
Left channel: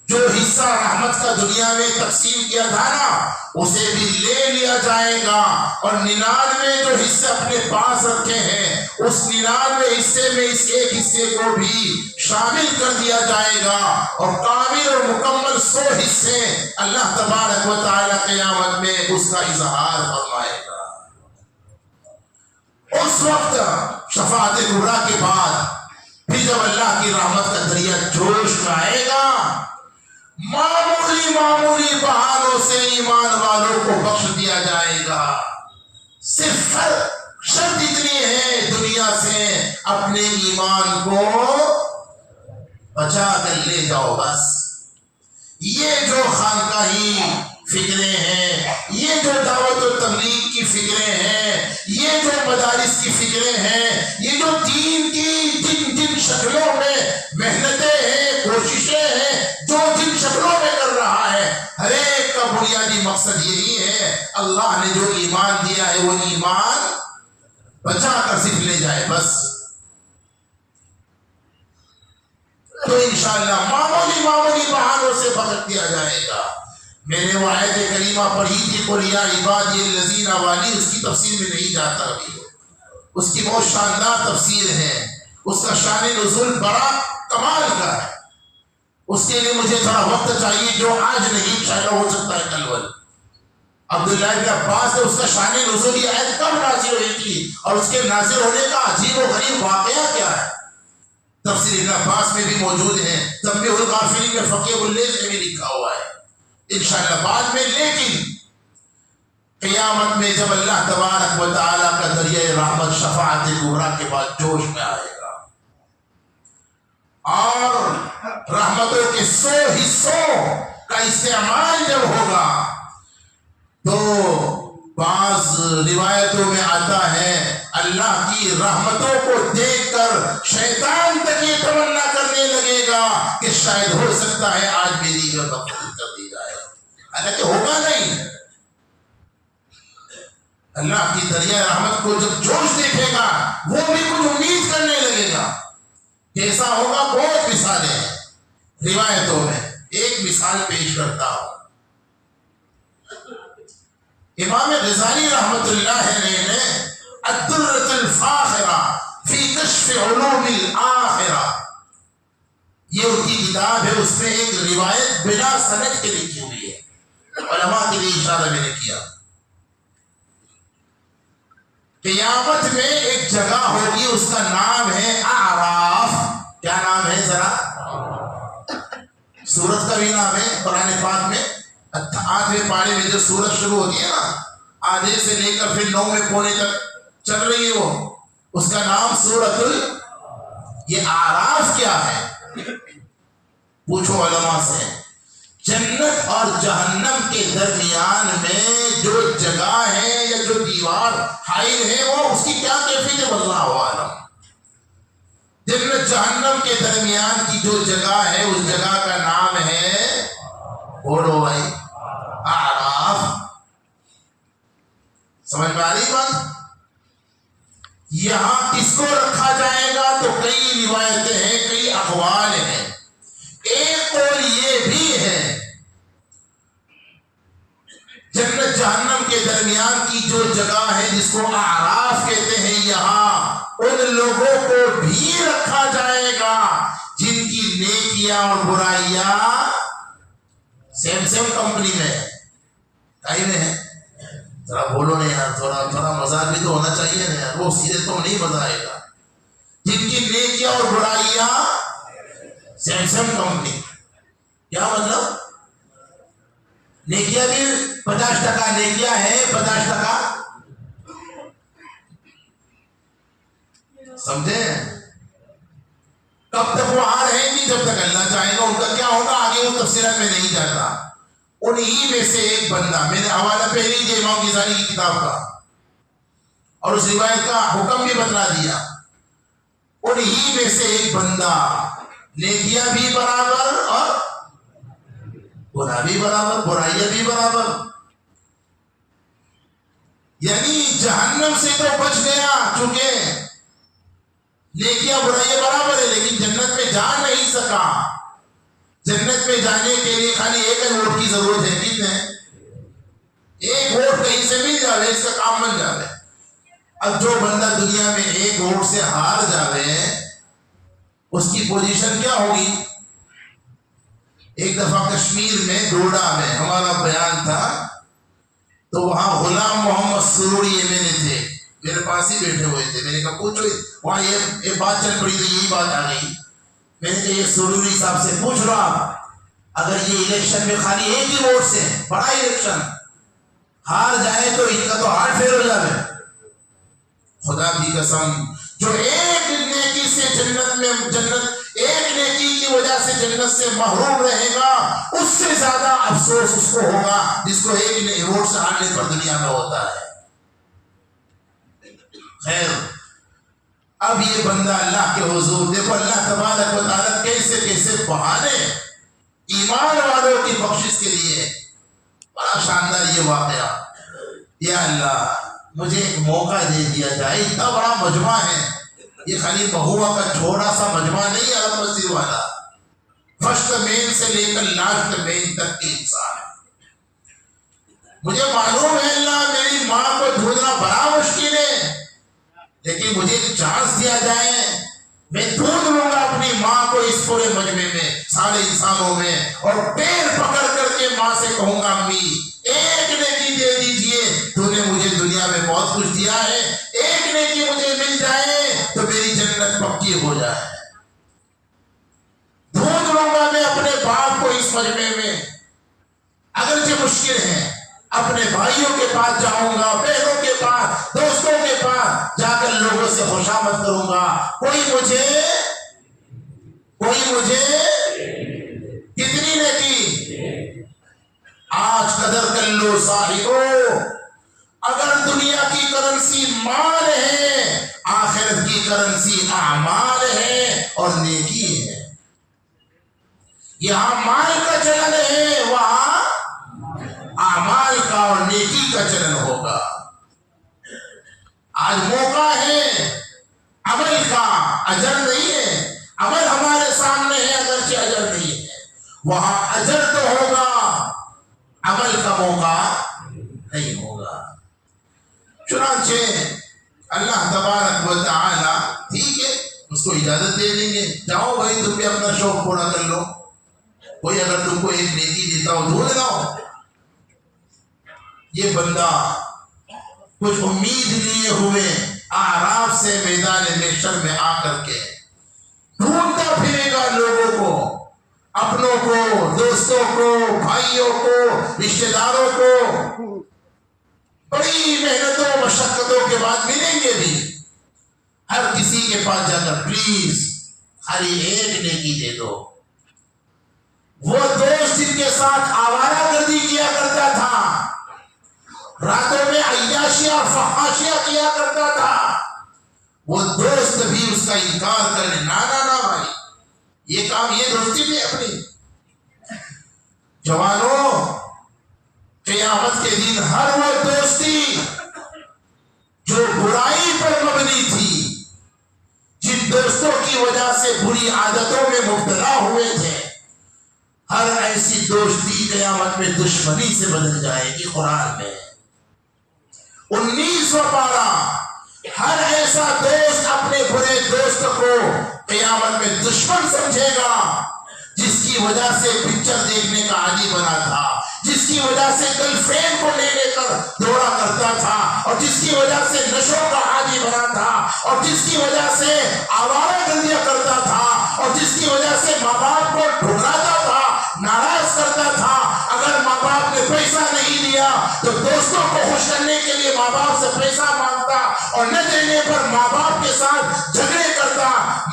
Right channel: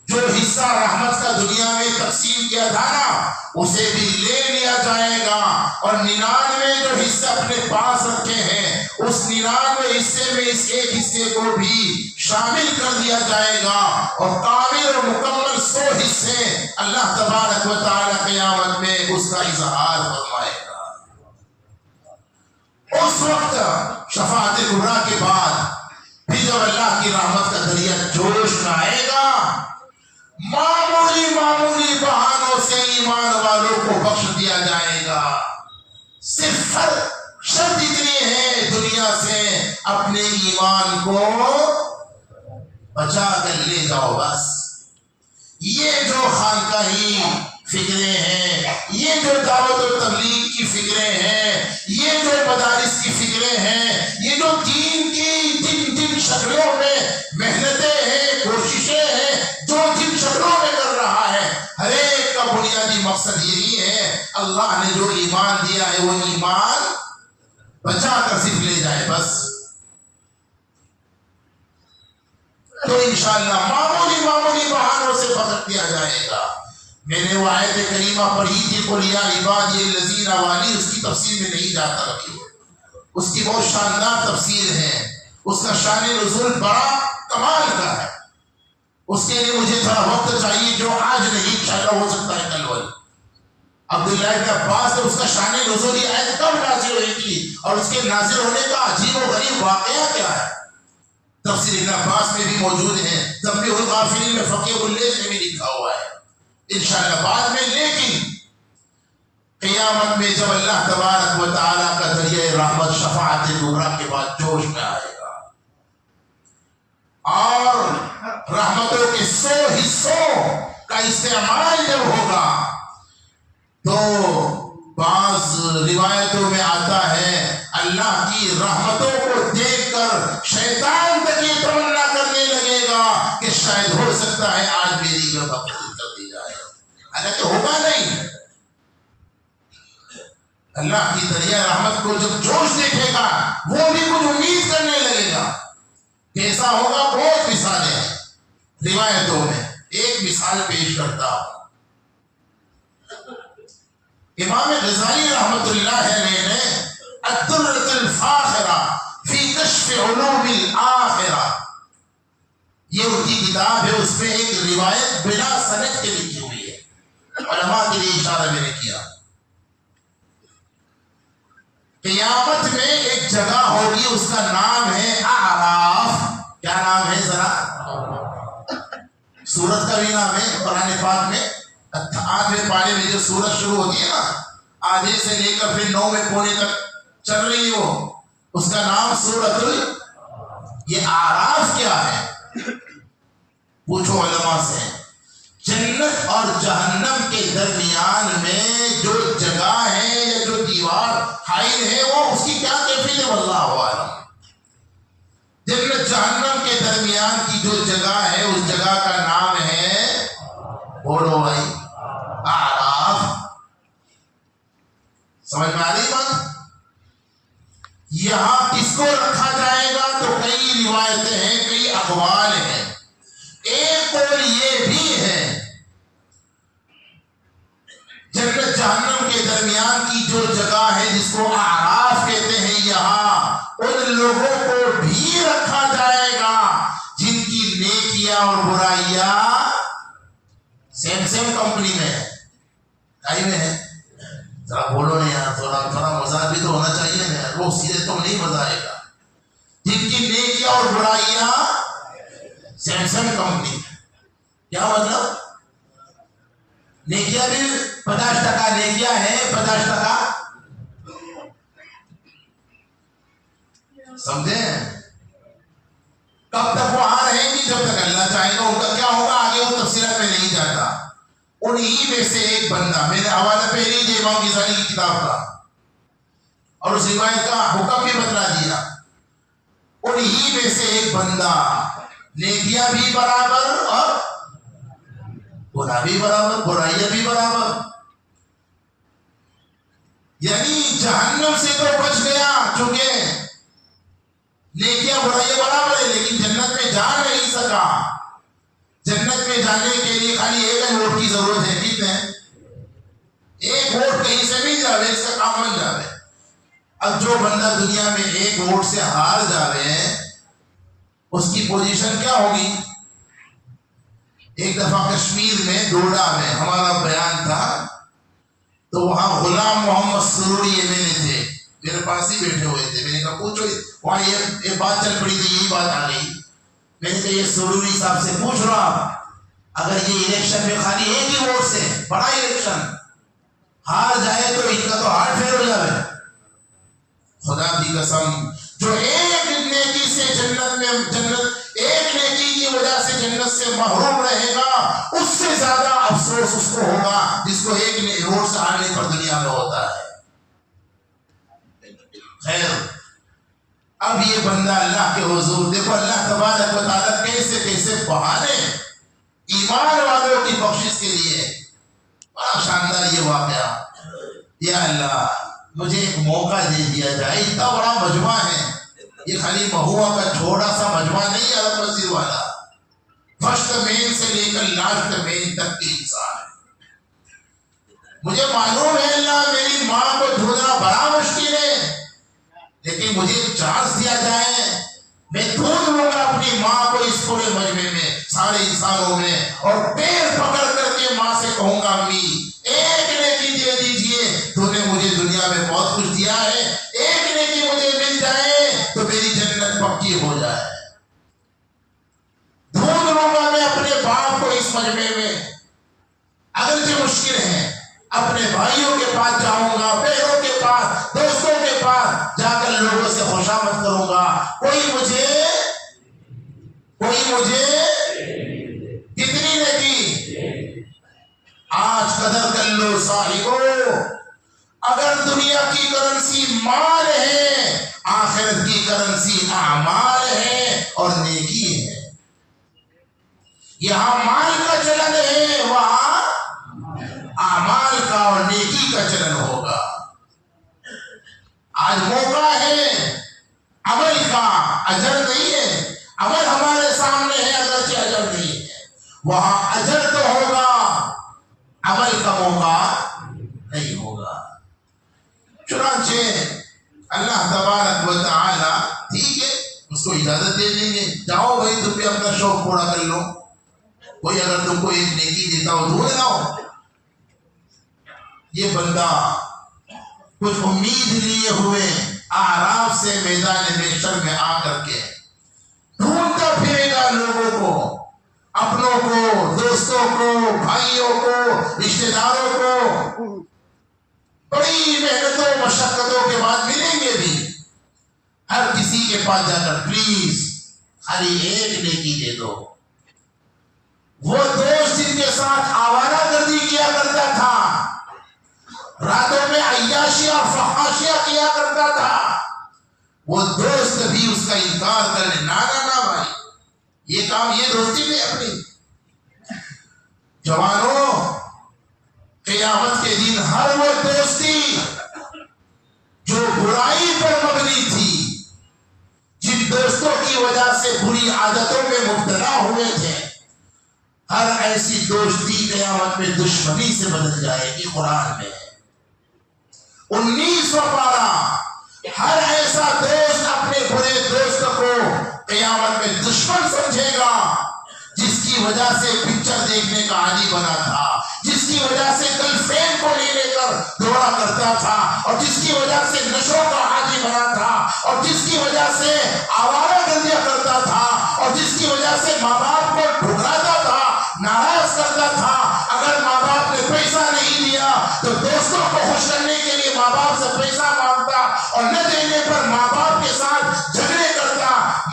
جو حصہ رحمت کا دنیا میں تقسیم کیا تھا نا اسے بھی لے لیا جائے گا، اور 99 جو حصے اپنے پاس رکھے ہیں اس 99 حصے میں اس ایک حصے کو بھی شامل کر دیا جائے گا، اور کامل اور مکمل 100 حصے اللہ تبارک و تعالی قیامت میں اس کا اظہار فرمائے گا۔ اس وقت شفاعت کبریٰ کے بعد پھر جب اللہ کی رحمت کا دریا جوش میں آئے گا معمولی معمولی بہانوں سے ایمان والوں کو بخش دیا جائے گا. صرف شرط اتنی ہے دنیا سے اپنے ایمان کو بچا کر لے جاؤ بس. یہ جو خانقاہی فکریں ہیں، یہ جو دعوت و تبلیغ کی فکریں ہیں، یہ جو مدارس کی فکریں ہیں، یہ جو دین کی جن جن شکلوں میں محنتیں ہیں، کوششیں ہیں، جو جن شکلوں میں کر رہا ہے، ہر ایک کا بنیادی مقصد یہی ہے اللہ نے جو ایمان دیا ہے وہ ایمان بچا کر صرف لے جائے بس. تو انشاءاللہ معمولی معمولی بہانوں سے بخش دیا جائے گا. میں نے وہ آیت کریمہ پڑھی تھی قل یا عبادی الذین والی، اس کی تفسیر میں نہیں جاتا ابھی. اس کی بہت شاندار تفسیر ہے، اس کا شان نزول بڑا کمال کا ہے. اس کے لیے مجھے تھوڑا وقت چاہیے جو آج نہیں، شاید ہو سکتا ہے کل ول. عبداللہ ابن عباس نے اس کا شان نزول یہ آیت کب نازل ہوئی تھی اور اس کے نازل ہونے کا عجیب و غریب واقعہ کیا ہے، تفسیر ابن عباس میں بھی موجود ہے. تنبیہ الغافلین میں فقیہ اللیث میں بھی لکھا ہوا ہے انشاءاللہ بعد میں. لیکن قیامت میں جب اللہ تبارک و تعالیٰ کا دریائے رحمت شفاعت کبریٰ کے بعد جوش میں آئے گا اور رحمتوں کے 100 حصوں کا استعمال جب ہوگا تو بعض روایتوں میں آتا ہے اللہ کی رحمتوں کو دیکھ کر شیطان تک یہ تمنا کرنے لگے گا کہ شاید ہو سکتا ہے آج میری جو تفصیل کر دی جائے، حالانکہ ہوگا نہیں. اللہ کی دریائے رحمت کو جب جوش دیکھے گا وہ بھی کچھ امید کرنے لگے گا. کیسا ہوگا؟ بہت مثالیں ہیں روایتوں میں. ایک مثال پیش کرتا ہوں. امام غزالی رحمت اللہ علیہ نے الدرۃ الفاخرہ فی کشف علوم الآخرہ، یہ ان کی کتاب ہے، اس میں ایک روایت بلا سند کے لکھی ہوئی ہے. علماء کے لیے اشارہ میں نے کیا. قیامت میں ایک جگہ ہوگی، اس کا نام ہے اعراف. کیا نام ہے ذرا؟ سورت کا بھی نام ہے قرآن پاک میں. 8ویں پارے میں جو سورت شروع ہوتی ہے نا، آدھے سے لے کر پھر 9ویں پونے تک چل رہی ہے، وہ اس کا نام سورت یہ اعراف کیا ہے؟ پوچھو علماء سے. جنت اور جہنم کے درمیان میں جو جگہ ہے یا جو دیوار حائل ہے وہ اس کی کیا کیفیت ہے اللہ عالم. جنت جہنم کے درمیان کی جو جگہ ہے اس جگہ کا نام ہے، بولو بھائی، اعراف. سمجھ میں آ رہی بات؟ یہاں کس کو رکھا جائے گا تو کئی روایتیں ہیں، کئی اقوال ہیں. ایک اور یہ بھی ہے جنت جہنم کے درمیان کی جو جگہ ہے جس کو اعراف کہتے ہیں، یہاں ان لوگوں کو بھی رکھا جائے گا جن کی نیکیاں اور برائیاں سیم کمپنی میں ہے. کہیں میں ہے؟ ذرا بولو نہیں یار، تھوڑا مزاق بھی تو ہونا چاہیے نا یار. وہ سیدھے تو نہیں بتائے گا. جن کی نیکیاں اور برائیاں سیم کمپنی. کیا مطلب؟ نیکیاں بھی 50% نیکیاں ہے، 50% سمجھے؟ کب تک وہاں رہیں گی؟ جب تک اللہ چاہے گا. ان کا کیا ہوگا آگے وہ تفصیلات میں نہیں جاتا. انہی میں سے ایک بندہ، میں نے حوالہ پہلے ہی امام غزالی کی کتاب کا اور اس روایت کا حکم بھی بتلا دیا. انہی میں سے ایک بندہ، نیکیاں بھی برابر اور گناہ بھی برابر، برائیاں بھی برابر. یعنی جہنم سے تو بچ گیا چونکہ نیکیاں برائیاں برابر ہے، لیکن جنت میں جا نہیں سکا. جنت میں جانے کے لیے خالی ایک ووٹ کی ضرورت ہے. کتنے؟ ایک ووٹ کہیں سے مل جاوے، اس کا کام بن جاوے. اب جو بندہ دنیا میں ایک ووٹ سے ہار جاوے اس کی پوزیشن کیا ہوگی؟ ایک دفعہ کشمیر میں ڈوڈا میں ہمارا بیان تھا تو وہاں غلام محمد سروری MLA تھے، میرے پاس ہی بیٹھے ہوئے تھے. میں نے کہا پوچھو، وہاں یہ بات چل پڑی تھی، یہی بات آ گئی. میں نے کہا یہ سروری صاحب سے پوچھ لو آپ اگر یہ الیکشن میں خالی ایک ہی ووٹ سے بڑا الیکشن ہار جائے تو ان کا تو ہارٹ فیل ہو جائے. خدا کی قسم جو ایک نیکی سے جنت ایک نیکی کی وجہ سے جنت سے محروم رہے گا اس سے زیادہ افسوس اس کو ہوگا جس کو ایک ووٹ سے ہارنے پر دنیا میں ہوتا ہے. خیر اب یہ بندہ اللہ کے حضور دیکھو اللہ تبارک و تعالیٰ کیسے کیسے بہانے ایمان والوں کی بخشش کے لیے. بڑا شاندار یہ واقعہ. یا اللہ مجھے ایک موقع دے دیا جائے. اتنا بڑا مجمع ہے یہ خالی مہوا کا چھوٹا سا مجمع نہیں عرب مسجد والا. فرسٹ مین سے لے کر لاسٹ مین تک کے انسان ہے. مجھے معلوم ہے اللہ میری ماں کو ڈھونڈنا بڑا مشکل ہے لیکن مجھے ایک چانس دیا جائے میں ڈھونڈ لوں گا اپنی ماں کو اس پورے مجمع میں سارے انسانوں میں اور پیر پکڑ کر کے ماں سے کہوں گا امی ایک نیکی دے دیجئے تو نے مجھے دنیا میں بہت کچھ دیا ہے ایک نیکی مجھے مل جائے تو میری جنت پکی ہو جائے. ڈھونڈ لوں گا میں اپنے باپ کو اس مجمع میں. اگرچہ مشکل ہے اپنے بھائیوں کے پاس جاؤں گا بہنوں کے پاس دوستوں کے پاس جا کر لوگوں سے خوشامد کروں گا. کوئی مجھے کتنی نیکی آج قدر کر لو صاحبو. اگر دنیا کی کرنسی مال ہے آخرت کی کرنسی اعمال ہے اور نیکی ہے. یہاں مال کا چلن ہے وہاں اعمال کا اور نیکی کا چلن ہوگا. آج موقع ہے عمل کا اجر نہیں ہے. عمل ہمارے سامنے ہے اگرچہ اجر نہیں ہے. وہاں اجر تو ہوگا عمل کا موقع نہیں ہوگا. چنانچہ اللہ تبارک و تعالی ٹھیک ہے اس کو اجازت دے دیں گے جاؤ بھائی تم بھی اپنا شوق پورا کر لو. کوئی اگر تم کو ایک نیکی دیتا ہو ڈھونڈ لاؤ. یہ بندہ کچھ امید لیے ہوئے اعراف سے میدان محشر میں آ کر کے ڈھونڈتا پھرے گا لوگوں کو اپنوں کو دوستوں کو بھائیوں کو رشتہ داروں کو. بڑی محنتوں مشقتوں کے بعد ملیں گے بھی. ہر کسی کے پاس جا کر پلیز خالی ایک نیکی دے دو. وہ دوست جن کے ساتھ آوارہ گردی کیا کرتا تھا راتوں میں عیاشیاں فحاشیاں کیا کرتا تھا وہ دوست بھی اس کا انکار کرے نا بھائی یہ کام یہ دوستی نہیں اپنی. جوانوں قیامت کے دن ہر وہ دوستی جو برائی پر مبنی تھی جن دوستوں کی وجہ سے بری عادتوں میں مبتلا ہوئے تھے ہر ایسی دوستی قیامت میں دشمنی سے بدل جائے گی. قرآن میں 19 پارہ ہر ایسا دوست اپنے برے دوست کو قیامت میں دشمن سمجھے گا جس کی وجہ سے پکچر دیکھنے کا عادی بنا تھا جس کی وجہ سے گرل فرینڈ کو لے کر دوڑا کرتا تھا اور جس کی وجہ سے نشوں کا عادی بنا تھا اور جس کی وجہ سے آوارہ گردیاں کرتا تھا اور جس کی وجہ سے ماں باپ کو ٹھکراتا تھا ناراض کرتا تھا. اگر ماں باپ نے پیسہ نہیں دیا تو دوستوں کو خوش کرنے کے لیے ماں باپ سے پیسہ مانگتا اور نہ دینے پر ماں باپ کے ساتھ جھگڑے کرتا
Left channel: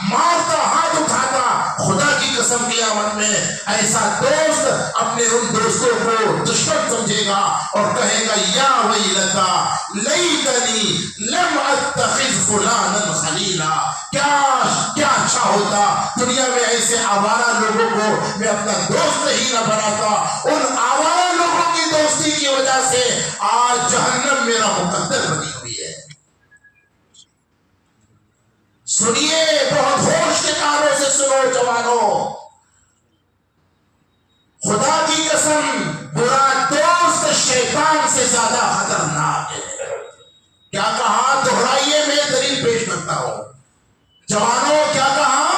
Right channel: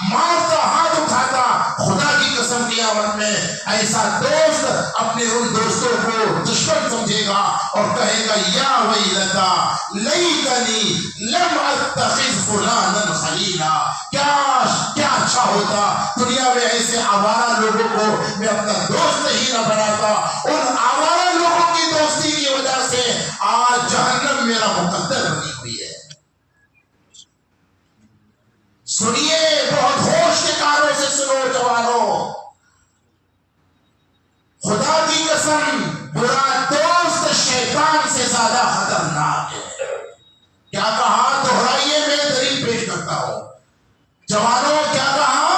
مارتا ہاتھ اٹھاتا. خدا کی قسم قیامت میں ایسا دوست اپنے ان دوستوں کو دشمن سمجھے گا اور کہے گا یا ویلتا لیتنی لم اتخذ فلانا خلیلا. کیا اچھا ہوتا دنیا میں ایسے آوارہ لوگوں کو میں اپنا دوست ہی نہ بناتا. ان آوارہ لوگوں کی دوستی کی وجہ سے آج جہنم میرا مقدر بنی ہوئی ہے. سنیے بہت ہوش کے کانوں سے سنو جوانوں. خدا کی قسم برا دوست شیطان سے زیادہ خطرناک ہے. کیا کہا دہرائیے میں دلیل پیش کرتا ہوں. جوانوں کیا کہا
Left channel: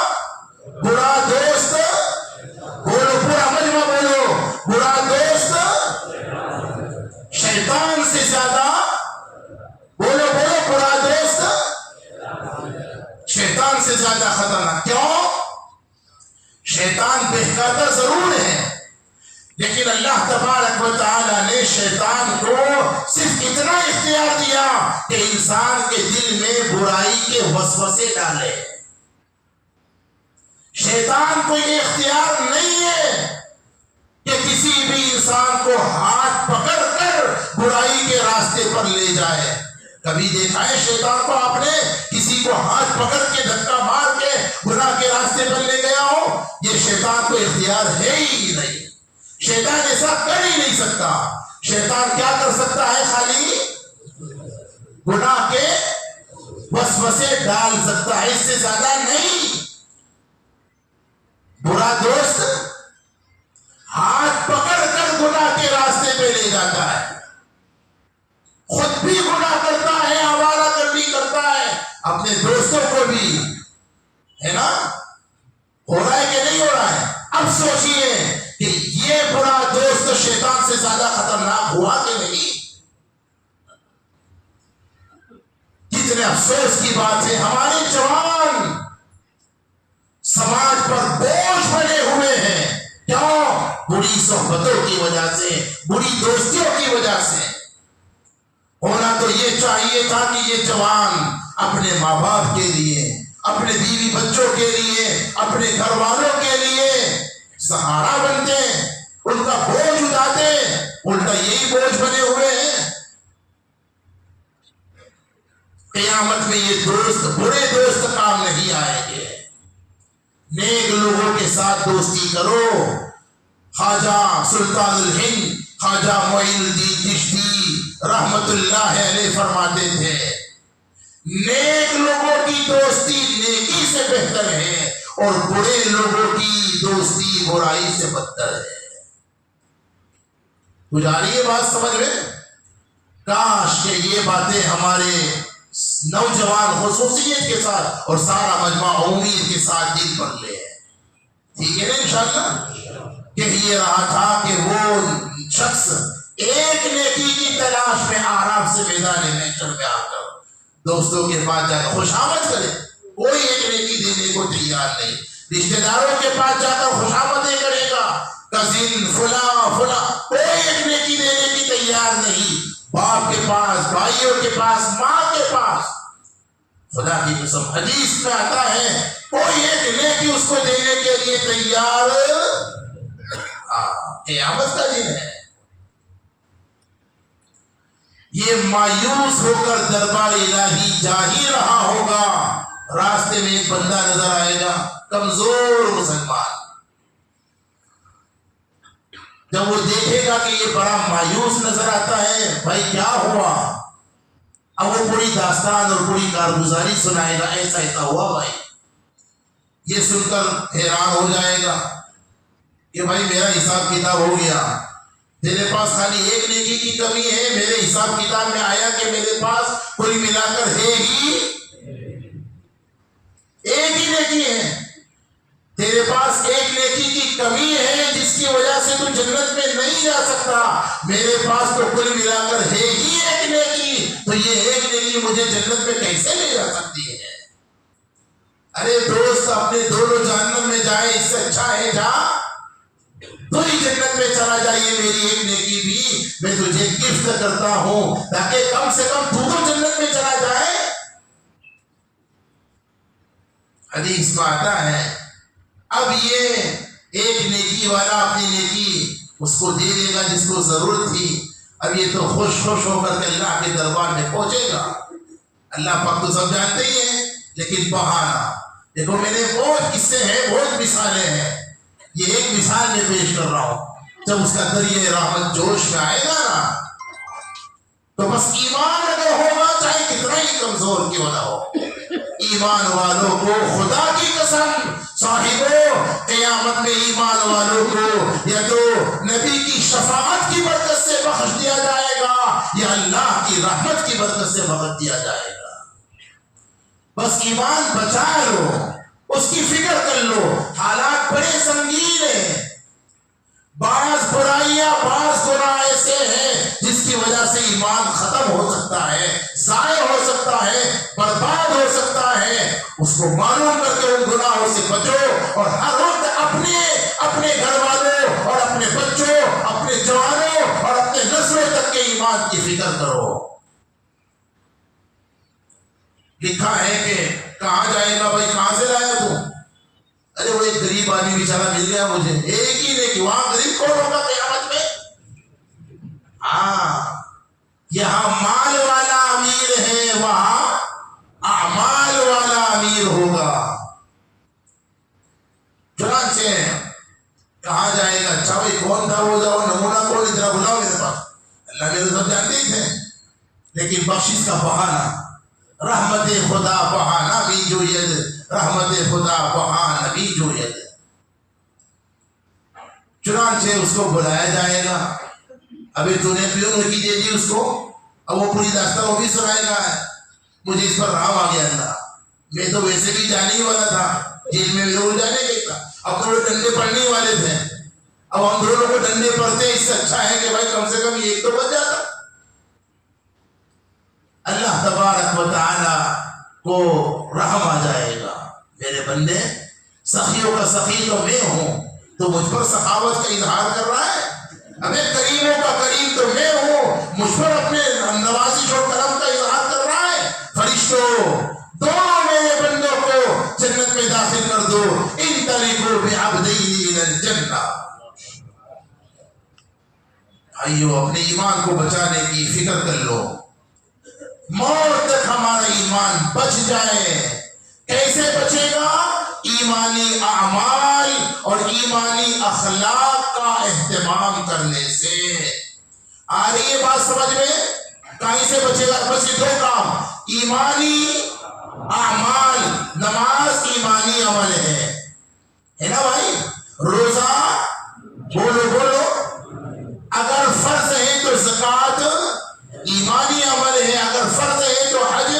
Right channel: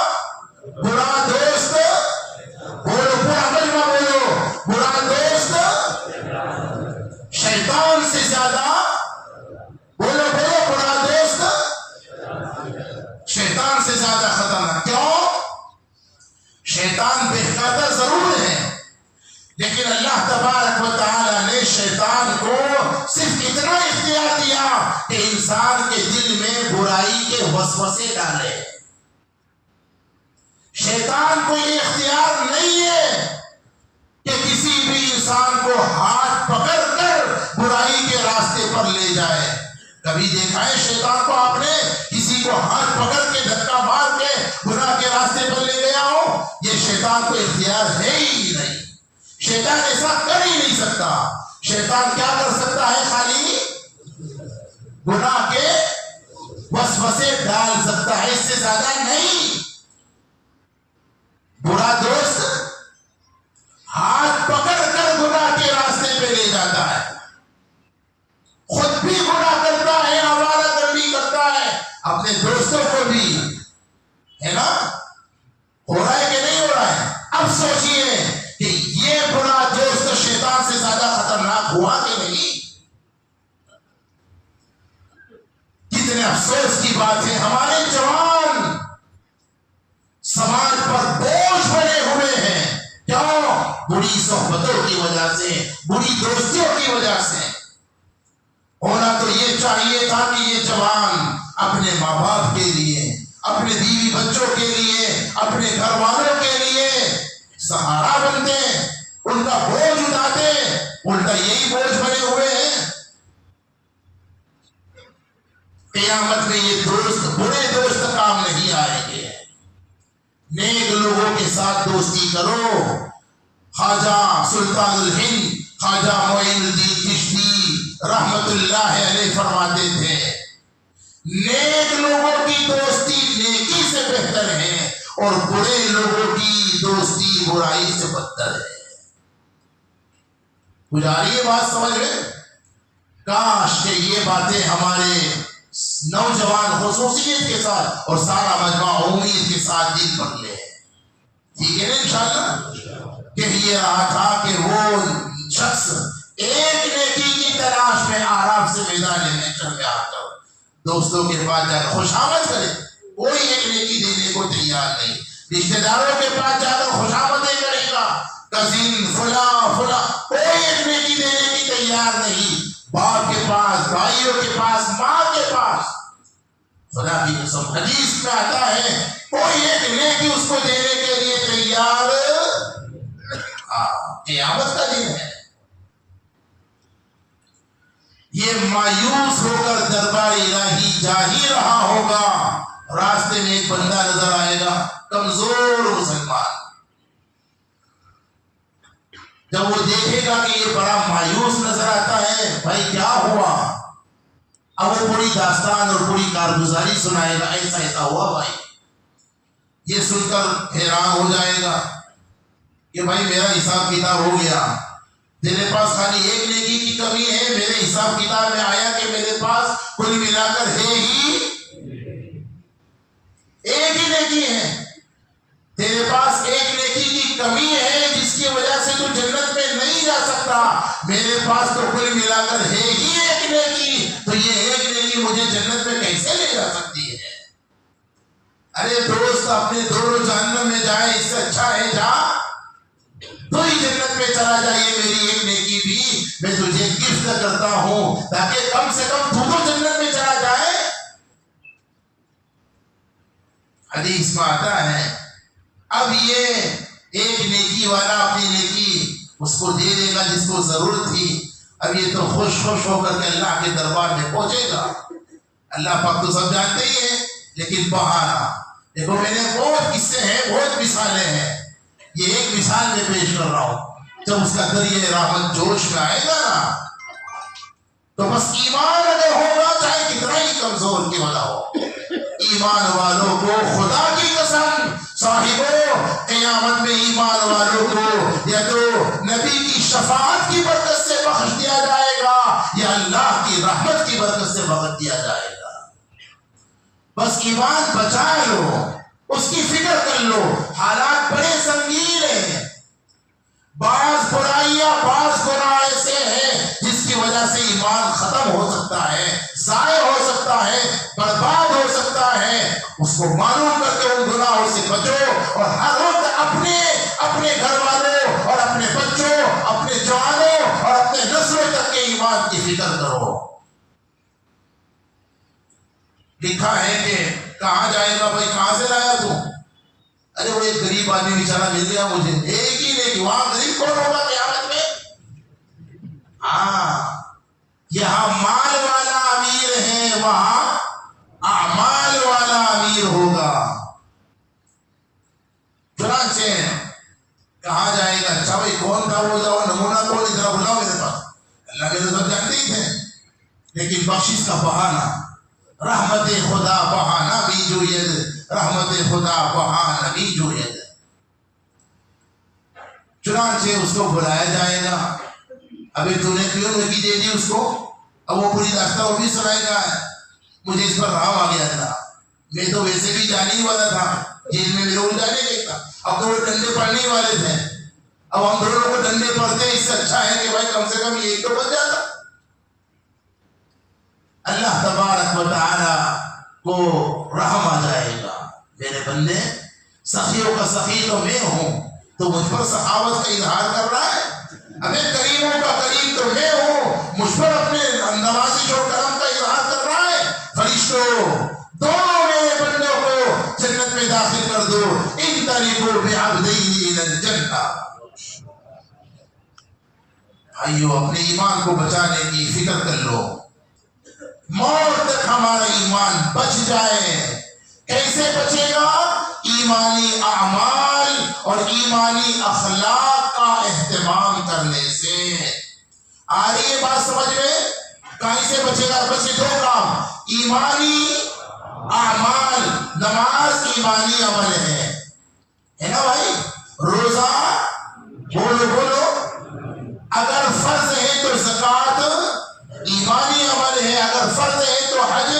برا دوست بولو پورا مجمع بولو برا دوست شیطان سے زیادہ بولو برا دوست شیطان سے زیادہ خطرناک. کیوں؟ شیطان بہکاتا ضرور ہے لیکن اللہ تبارک و تعالی نے شیطان کو صرف اتنا اختیار دیا کہ انسان کے دل میں برائی کے وسوسے ڈالے. شیطان کو یہ اختیار نہیں ہے کہ کسی بھی انسان کو ہاتھ پکڑ کر برائی کے راستے پر لے جائے. کبھی دیکھا ہے شیطان کو آپ نے کسی کو ہاتھ پکڑ کے دھکا مار کے گناہ کے راستے پر لے گیا ہو؟ یہ شیطان کو اختیار ہے ہی نہیں. شیطان ایسا کر ہی نہیں سکتا. شیطان کیا کر سکتا ہے؟ خالی گناہ کے وسوسے ڈال سکتا ہے، اس سے زیادہ نہیں. برا دوست ہاتھ پکڑ کر گناہ کے راستے پہ لے جاتا ہے، خود بھی گناہ کرتا ہے، آوارہ گردی کرتا ہے، اپنے دوستوں کو بھی. ہے نا؟ ہو رہا ہے کہ نہیں ہو رہا ہے؟ اب سوچئے کہ یہ برا دوست شیطان سے زیادہ خطرناک ہوا کہ نہیں؟ کتنے افسوس کی بات ہے، ہمارے جوان سماج پر بوجھ بنے ہوئے ہیں. کیوں؟ بری صحبتوں کی وجہ سے، بری دوستیوں کی وجہ سے. ہونا تو یہ چاہیے تھا کہ یہ جوان اپنے ماں باپ کے لیے، اپنے بیوی بچوں کے لیے، اپنے گھر والوں کے لیے سہارا بنتے، ان کا بوجھ اٹھاتے. الٹا یہی بوجھ بنے ہوئے ہیں. قیامت میں یہ دوست، برے دوست کام نہیں آئیں گے. نیک لوگوں کے ساتھ دوستی کرو. خواجہ سلطان الہند خواجہ معین الدین چشتی رحمت اللہ علیہ فرماتے تھے، نیک لوگوں کی دوستی نیکی سے بہتر ہے اور برے لوگوں کی دوستی برائی سے بدتر ہے. گزاری یہ بات سمجھ میں؟ کاش کہ یہ باتیں ہمارے نوجوان خصوصیت کے ساتھ اور سارا مجمع عمومیت کے ساتھ دل پر لے. ٹھیک ہے نا؟ انشاءاللہ. کہ یہ رہا تھا کہ وہ شخص ایک نیکی کی تلاش میں آرام سے میدان محشر میں آ کر دوستوں کے پاس جا کر خوش آمد کرے. کوئی ایک نیکی دینے کو تیار نہیں. رشتہ داروں کے پاس جا کر خوش آمدیں کرے گا، کزن فلاں فلاں، کوئی ایک نیکی دینے کی تیار نہیں. باپ کے پاس، بھائیوں کے پاس، ماں کے پاس، خدا کی قسم حدیث میں آتا ہے کوئی ایک نیکی اس کو دینے کے لیے تیار. قیامت کا دن ہے. یہ مایوس ہو کر دربار الہی جا ہی رہا ہوگا، راستے میں ایک بندہ نظر آئے گا، کمزور مسلمان. جب وہ دیکھے گا کہ یہ بڑا مایوس نظر آتا ہے، بھائی کیا ہوا؟ اب وہ پوری داستان اور پوری کارگزاری سنائے گا، ایسا ایسا ہوا بھائی. یہ سن کر حیران ہو جائے گا کہ بھائی میرا حساب کتاب ہو گیا، تیرے پاس خالی ایک نیکی کی کمی ہے، میرے حساب کتاب میں آیا کہ میرے پاس کل ملا کر ہے ہی ایک ہی نیکی ہے. تیرے پاس ایک نیکی کی کمی ہے جس کی وجہ سے تو جنت میں نہیں جا سکتا. میرے پاس تو کل ملا کر ہے ہی ایک نیکی، تو یہ ایک نیکی مجھے جنت میں کیسے لے جا سکتی ہے؟ ارے دوست، اپنے دونوں جہنم میں جائے اس سے اچھا ہے جا تو ہی جنت میں چلا جائیے. میری ایک نیکی بھی میں تجھے گفٹ کرتا ہوں تاکہ کم سے کم تو جنت میں چلا جائے. حدیث میں آتا ہے اب یہ ایک نیکی والا اپنی نیکی اس کو دے دے گا جس کو ضرورت تھی. اب یہ تو خوش ہو کر کے اللہ کے دربار میں پہنچے گا. اللہ پاک تو سب جانتے ہی ہیں، لیکن بہانا دیکھو، میں نے بہت قصے ہیں، بہت مثالیں ہیں. یہ ایک مثال میں پیش کر رہا ہوں. جب اس کا دریائے رحمت جوش میں آئے گا نا، تو بس ایمان اگر ہوگا چاہے کتنا ہی کمزور کیوں نہ ہو، ایمان والوں کو خدا کی قسم صاحبوں، قیامت میں ایمان والوں کو یا تو نبی کی شفاعت کی برکت سے بخش دیا جائے گا یا اللہ کی رحمت کی برکت سے بخش دیا جائے گا. بس ایمان بچا لو، اس کی فکر کر لو. حالات بڑے سنگین ہیں، بعض برائیاں، بعض گناہ ایسے ہیں جس کی وجہ سے ایمان ختم ہو سکتا ہے، ضائع ہو سکتا ہے، برباد ہو سکتا ہے. اس کو معلوم کر کے ان گناہوں سے بچو اور ہر وقت اپنے گھر والوں اور اپنے بچوں ایمان کی فکر کرو. لکھا ہے کہ کہاں جائے گا بھائی, کہاں سے لایا تو؟ ارے وہ ایک غریب آدمی بیچارہ مل گیا مجھے. ایک ہی نہیں, وہاں غریب کون ہوگا قیامت میں؟ ہاں, یہاں مال والا امیر ہے, وہاں اعمال والا امیر ہوگا. چنانچہ کہاں جائے گا؟ اچھا بھائی کون تھا وہ نمونہ کون, ادھر بلاؤ میرے پاس. اللہ کے تو سب جانتے ہی تھے, لیکن بخشش کا بہانہ, رحمت خدا بہانہ بھی جو ید, رحمت خدا بہانہ بھی جو ید. چنانچہ اس کو بلایا جائے گا. ابھی تو نے پیون کی دے دی اس کو, اب وہ پوری داستان وہ بھی سنائے گا. مجھے اس پر رحم آ گیا اللہ, میں تو ویسے بھی جانے ہی والا تھا, جیل میں میرے کو جانے کے تھا. اب تو وہ ڈنڈے پڑنے ہی والے تھے, اب ہم دونوں کو ڈنڈے پڑتے, اس سے اچھا ہے کہ بھائی کم سے کم ایک تو بچ جاتا. اللہ تبارک و تعالی کو رحم آ جائے گا, میرے بندے سخیوں کا سخی تو میں ہوں, تو مجھ پر سخاوت کا اظہار کر رہا ہے. ہمیں کریموں کا کریم تو میں ہوں, مجھ پر اپنے نوازش و کرم کا اظہار کر رہا ہے. فرشتوں دونوں میرے بندوں کو جنت میں داخل کر دو. ان طریقوں بعبدین الى الجنہ. بھائیو اپنے ایمان کو بچانے کی فکر کر لو, موت تک ہمارا ایمان بچ جائے. کیسے بچے گا؟ ایمانی اعمال اور ایمانی اخلاق کا اہتمام کرنے سے. آ رہی ہے بات سمجھ میں؟ کہیں سے بچے گا؟ بس یہ دو کام, ایمانی اعمال, نماز ایمانی عمل ہے نا بھائی, روزہ بولو بولو, اگر فرض ہے تو زکوٰۃ ایمانی عمل ہے, اگر فرض ہے تو حج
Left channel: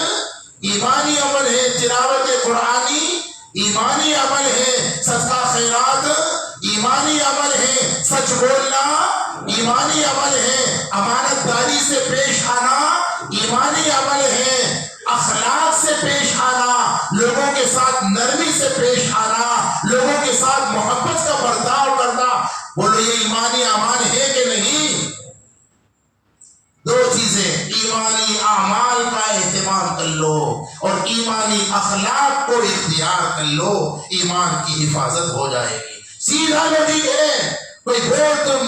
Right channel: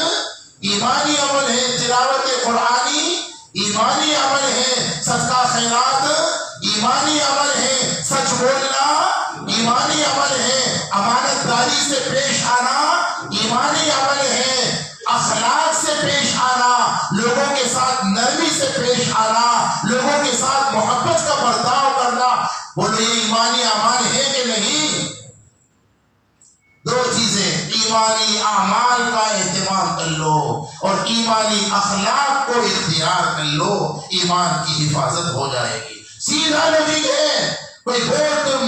ایمانی عمل ہے, تلاوت قرآنی ایمانی عمل ہے, صدقہ خیرات ایمانی عمل ہے, سچ بولنا ایمانی عمل ہے, امانت داری سے پیش آنا ایمانی عمل ہے, اخلاق سے پیش آنا, لوگوں کے ساتھ نرمی سے پیش آنا, لوگوں کے ساتھ محبت کا برتاؤ کرنا. بولو یہ ایمانی اعمال ہے کہ نہیں؟ دو چیزیں, ایمانی اعمال کا اہتمام کر لو اور ایمانی اخلاق کو اختیار کر لو, ایمان کی حفاظت ہو جائے گی. سیدھا لوجک ہے, کوئی بہت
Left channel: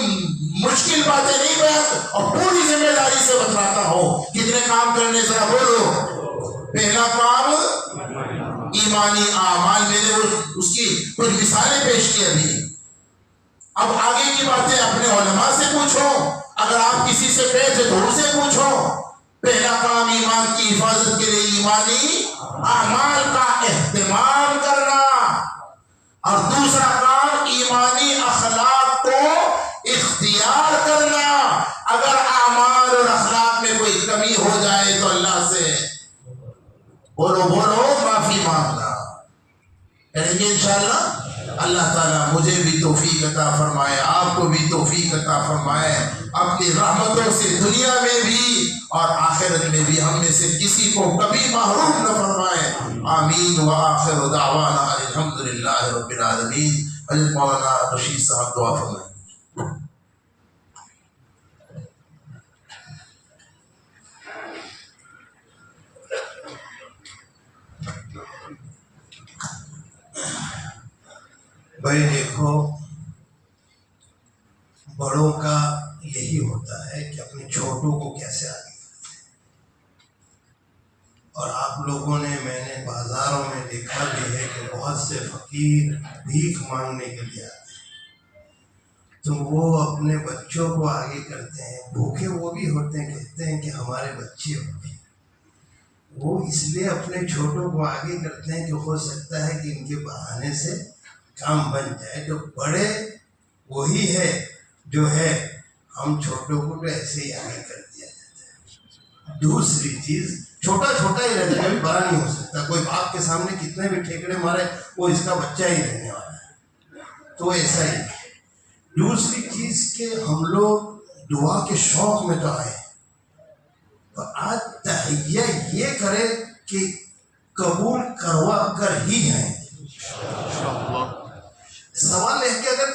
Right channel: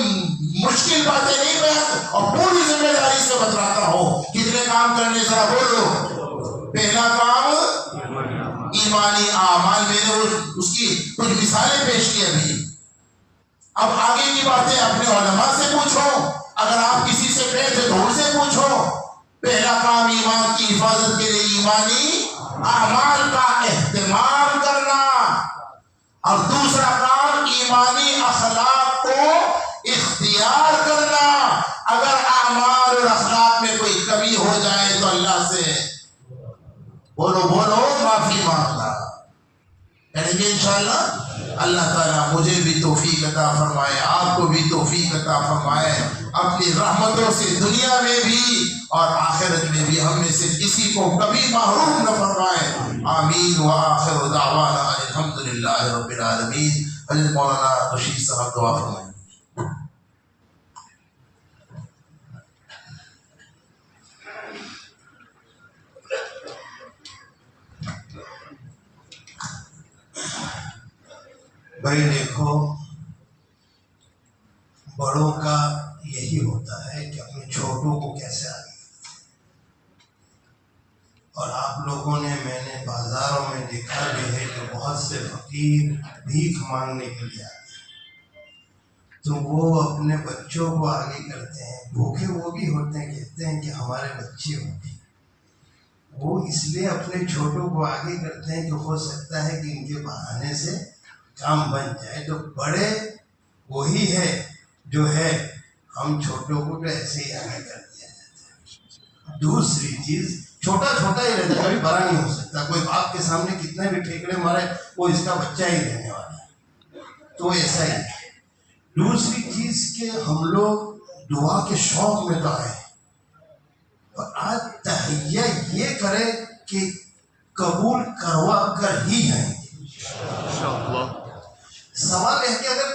مشکل باتیں نہیں بیان, اور پوری ذمہ داری سے بتلاتا ہوں. کتنے کام کرنے ذرا بولو. پہلا کام ایمانی اعمال, میں نے اس کی کچھ مثالیں پیش کی ابھی. اب آگے کی باتیں اپنے علماء سے پوچھو, اگر آپ کسی سے بیٹھے تو ان سے پوچھو. پہلا کام ایمان کی حفاظت کے لیے ایمانی اعمال کا اہتمام کرنا, اور دوسرا کام ایمانی اخلاق کو اختیار کرنا. اگر اعمال اور اخلاق میں کوئی کمی ہو جائے تو اللہ سے بولو بولو معافی مانگنا. کریں گے انشاءاللہ. اللہ تعالیٰ مجھے بھی توفیق عطا فرمائے, آپ کو بھی توفیق عطا فرمائے, اپنی رحمتوں سے دنیا میں بھی اور آخرت میں بھی ہم میں سے کسی کو کبھی محروم نہ فرمائے. آمین. وآخر دعوانا الحمدللہ رب العالمین. حضرت مولانا رشید صاحب دعا فرمائیں. بھائی دیکھو, بڑوں کا یہی ہوتا ہے کہ اپنے چھوٹوں کو کیسے آگے کرتے ہیں. اور آپ لوگوں نے, میں نے بازاروں میں دیکھا بھی ہے کہ بہت سے فقیر بھیک مانگنے کے لیے آتے ہیں, تو وہ اپنے بچوں کو آگے کرتے ہیں. بھوکے وہ بھی ہوتے ہیں, کہتے ہیں کہ ہمارے بچے ہوں گے. وہ اس لیے اپنے چھوٹوں کو آگے کرتے ہیں کہ ہو سکتا ہے کہ ان کے بہانے سے کام بن جائے. تو بڑے وہی ہے جو ہے, ہم چھوٹوں کو تو ایسے ہی آگے کر دیا جاتا ہے. دوسری چیز, چھوٹا چھوٹا ہی رہتا ہے, کبھی بڑا نہیں ہو سکتا. کوئی باپ کے سامنے کتنے بھی ٹھیکڑے مارے, وہ اس کا بچہ ہی رہنے والا ہے, تو ایسا ہی ہے. دوسری چیز کہ ہم لوگ دعا کے شوق میں تو آئے, تو آج تہیہ یہ کرے کہ قبول کروا کر ہی جائیں گے. سوال ہے کہ اگر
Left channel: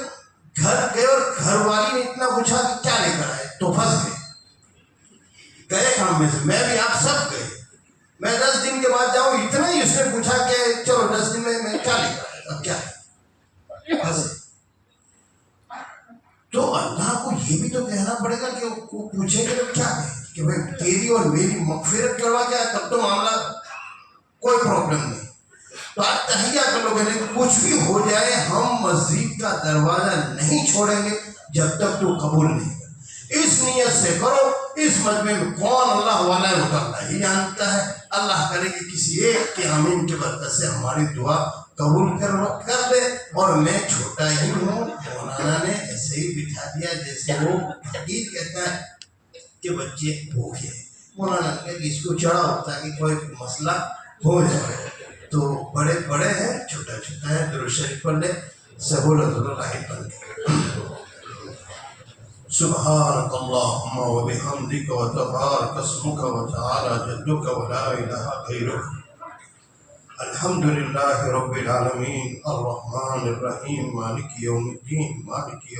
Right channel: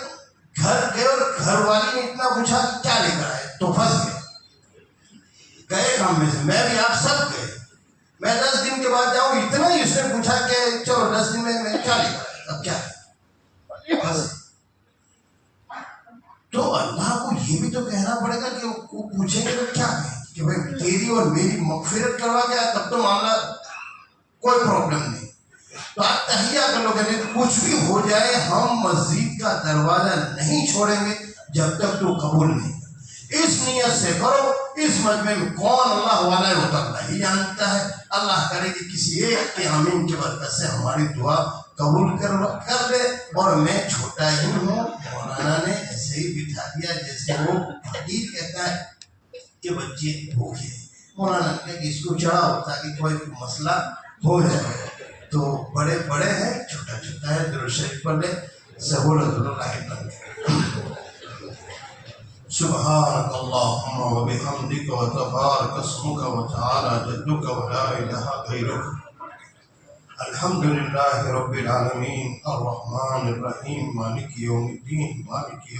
گھر گئے اور گھر والی نے اتنا پوچھا کہ کیا لے کر آئے, تو پھنس گئے. تو اللہ کو یہ بھی تو کہنا پڑے گا کہ وہ پوچھیں گے تو کیا کہیں کہ بھائی تیری اور میری مغفرت کروا دیا تب تو معاملہ کوئی پرابلم نہیں. تو آج تہیہ کر لو کہ کچھ بھی ہو جائے ہم مسجد کا دروازہ نہیں چھوڑیں گے جب تک تو قبول نہیں کر. اس نیت سے کرو. اس مجمع میں کون اللہ والا ہے وہ تو اللہ ہی جانتا ہے. اللہ کرے کہ کسی ایک کے آمین کی برکت سے ہماری دعا قبول کر دے. اور میں چھوٹا ہی ہوں, مولانا نے ایسے ہی بٹھا دیا جیسے وہ حدیث کہتا ہے کہ بچے بھوکے ہیں. مولانا نے کہ اس کو چڑھاؤ تاکہ کوئی مسئلہ ہو جائے. تو بڑے بڑے ہیں, چھوٹا چھوٹا ہے. درود شریف پڑھ لے. سہولت اللہ پڑھ لے. سبحانك اللهم وبحمدك وتبارك اسمك وتعالى جدك ولا إله غيرك. الحمد لله رب العالمين الرحمن الرحيم مالك يوم الدين مالك يوم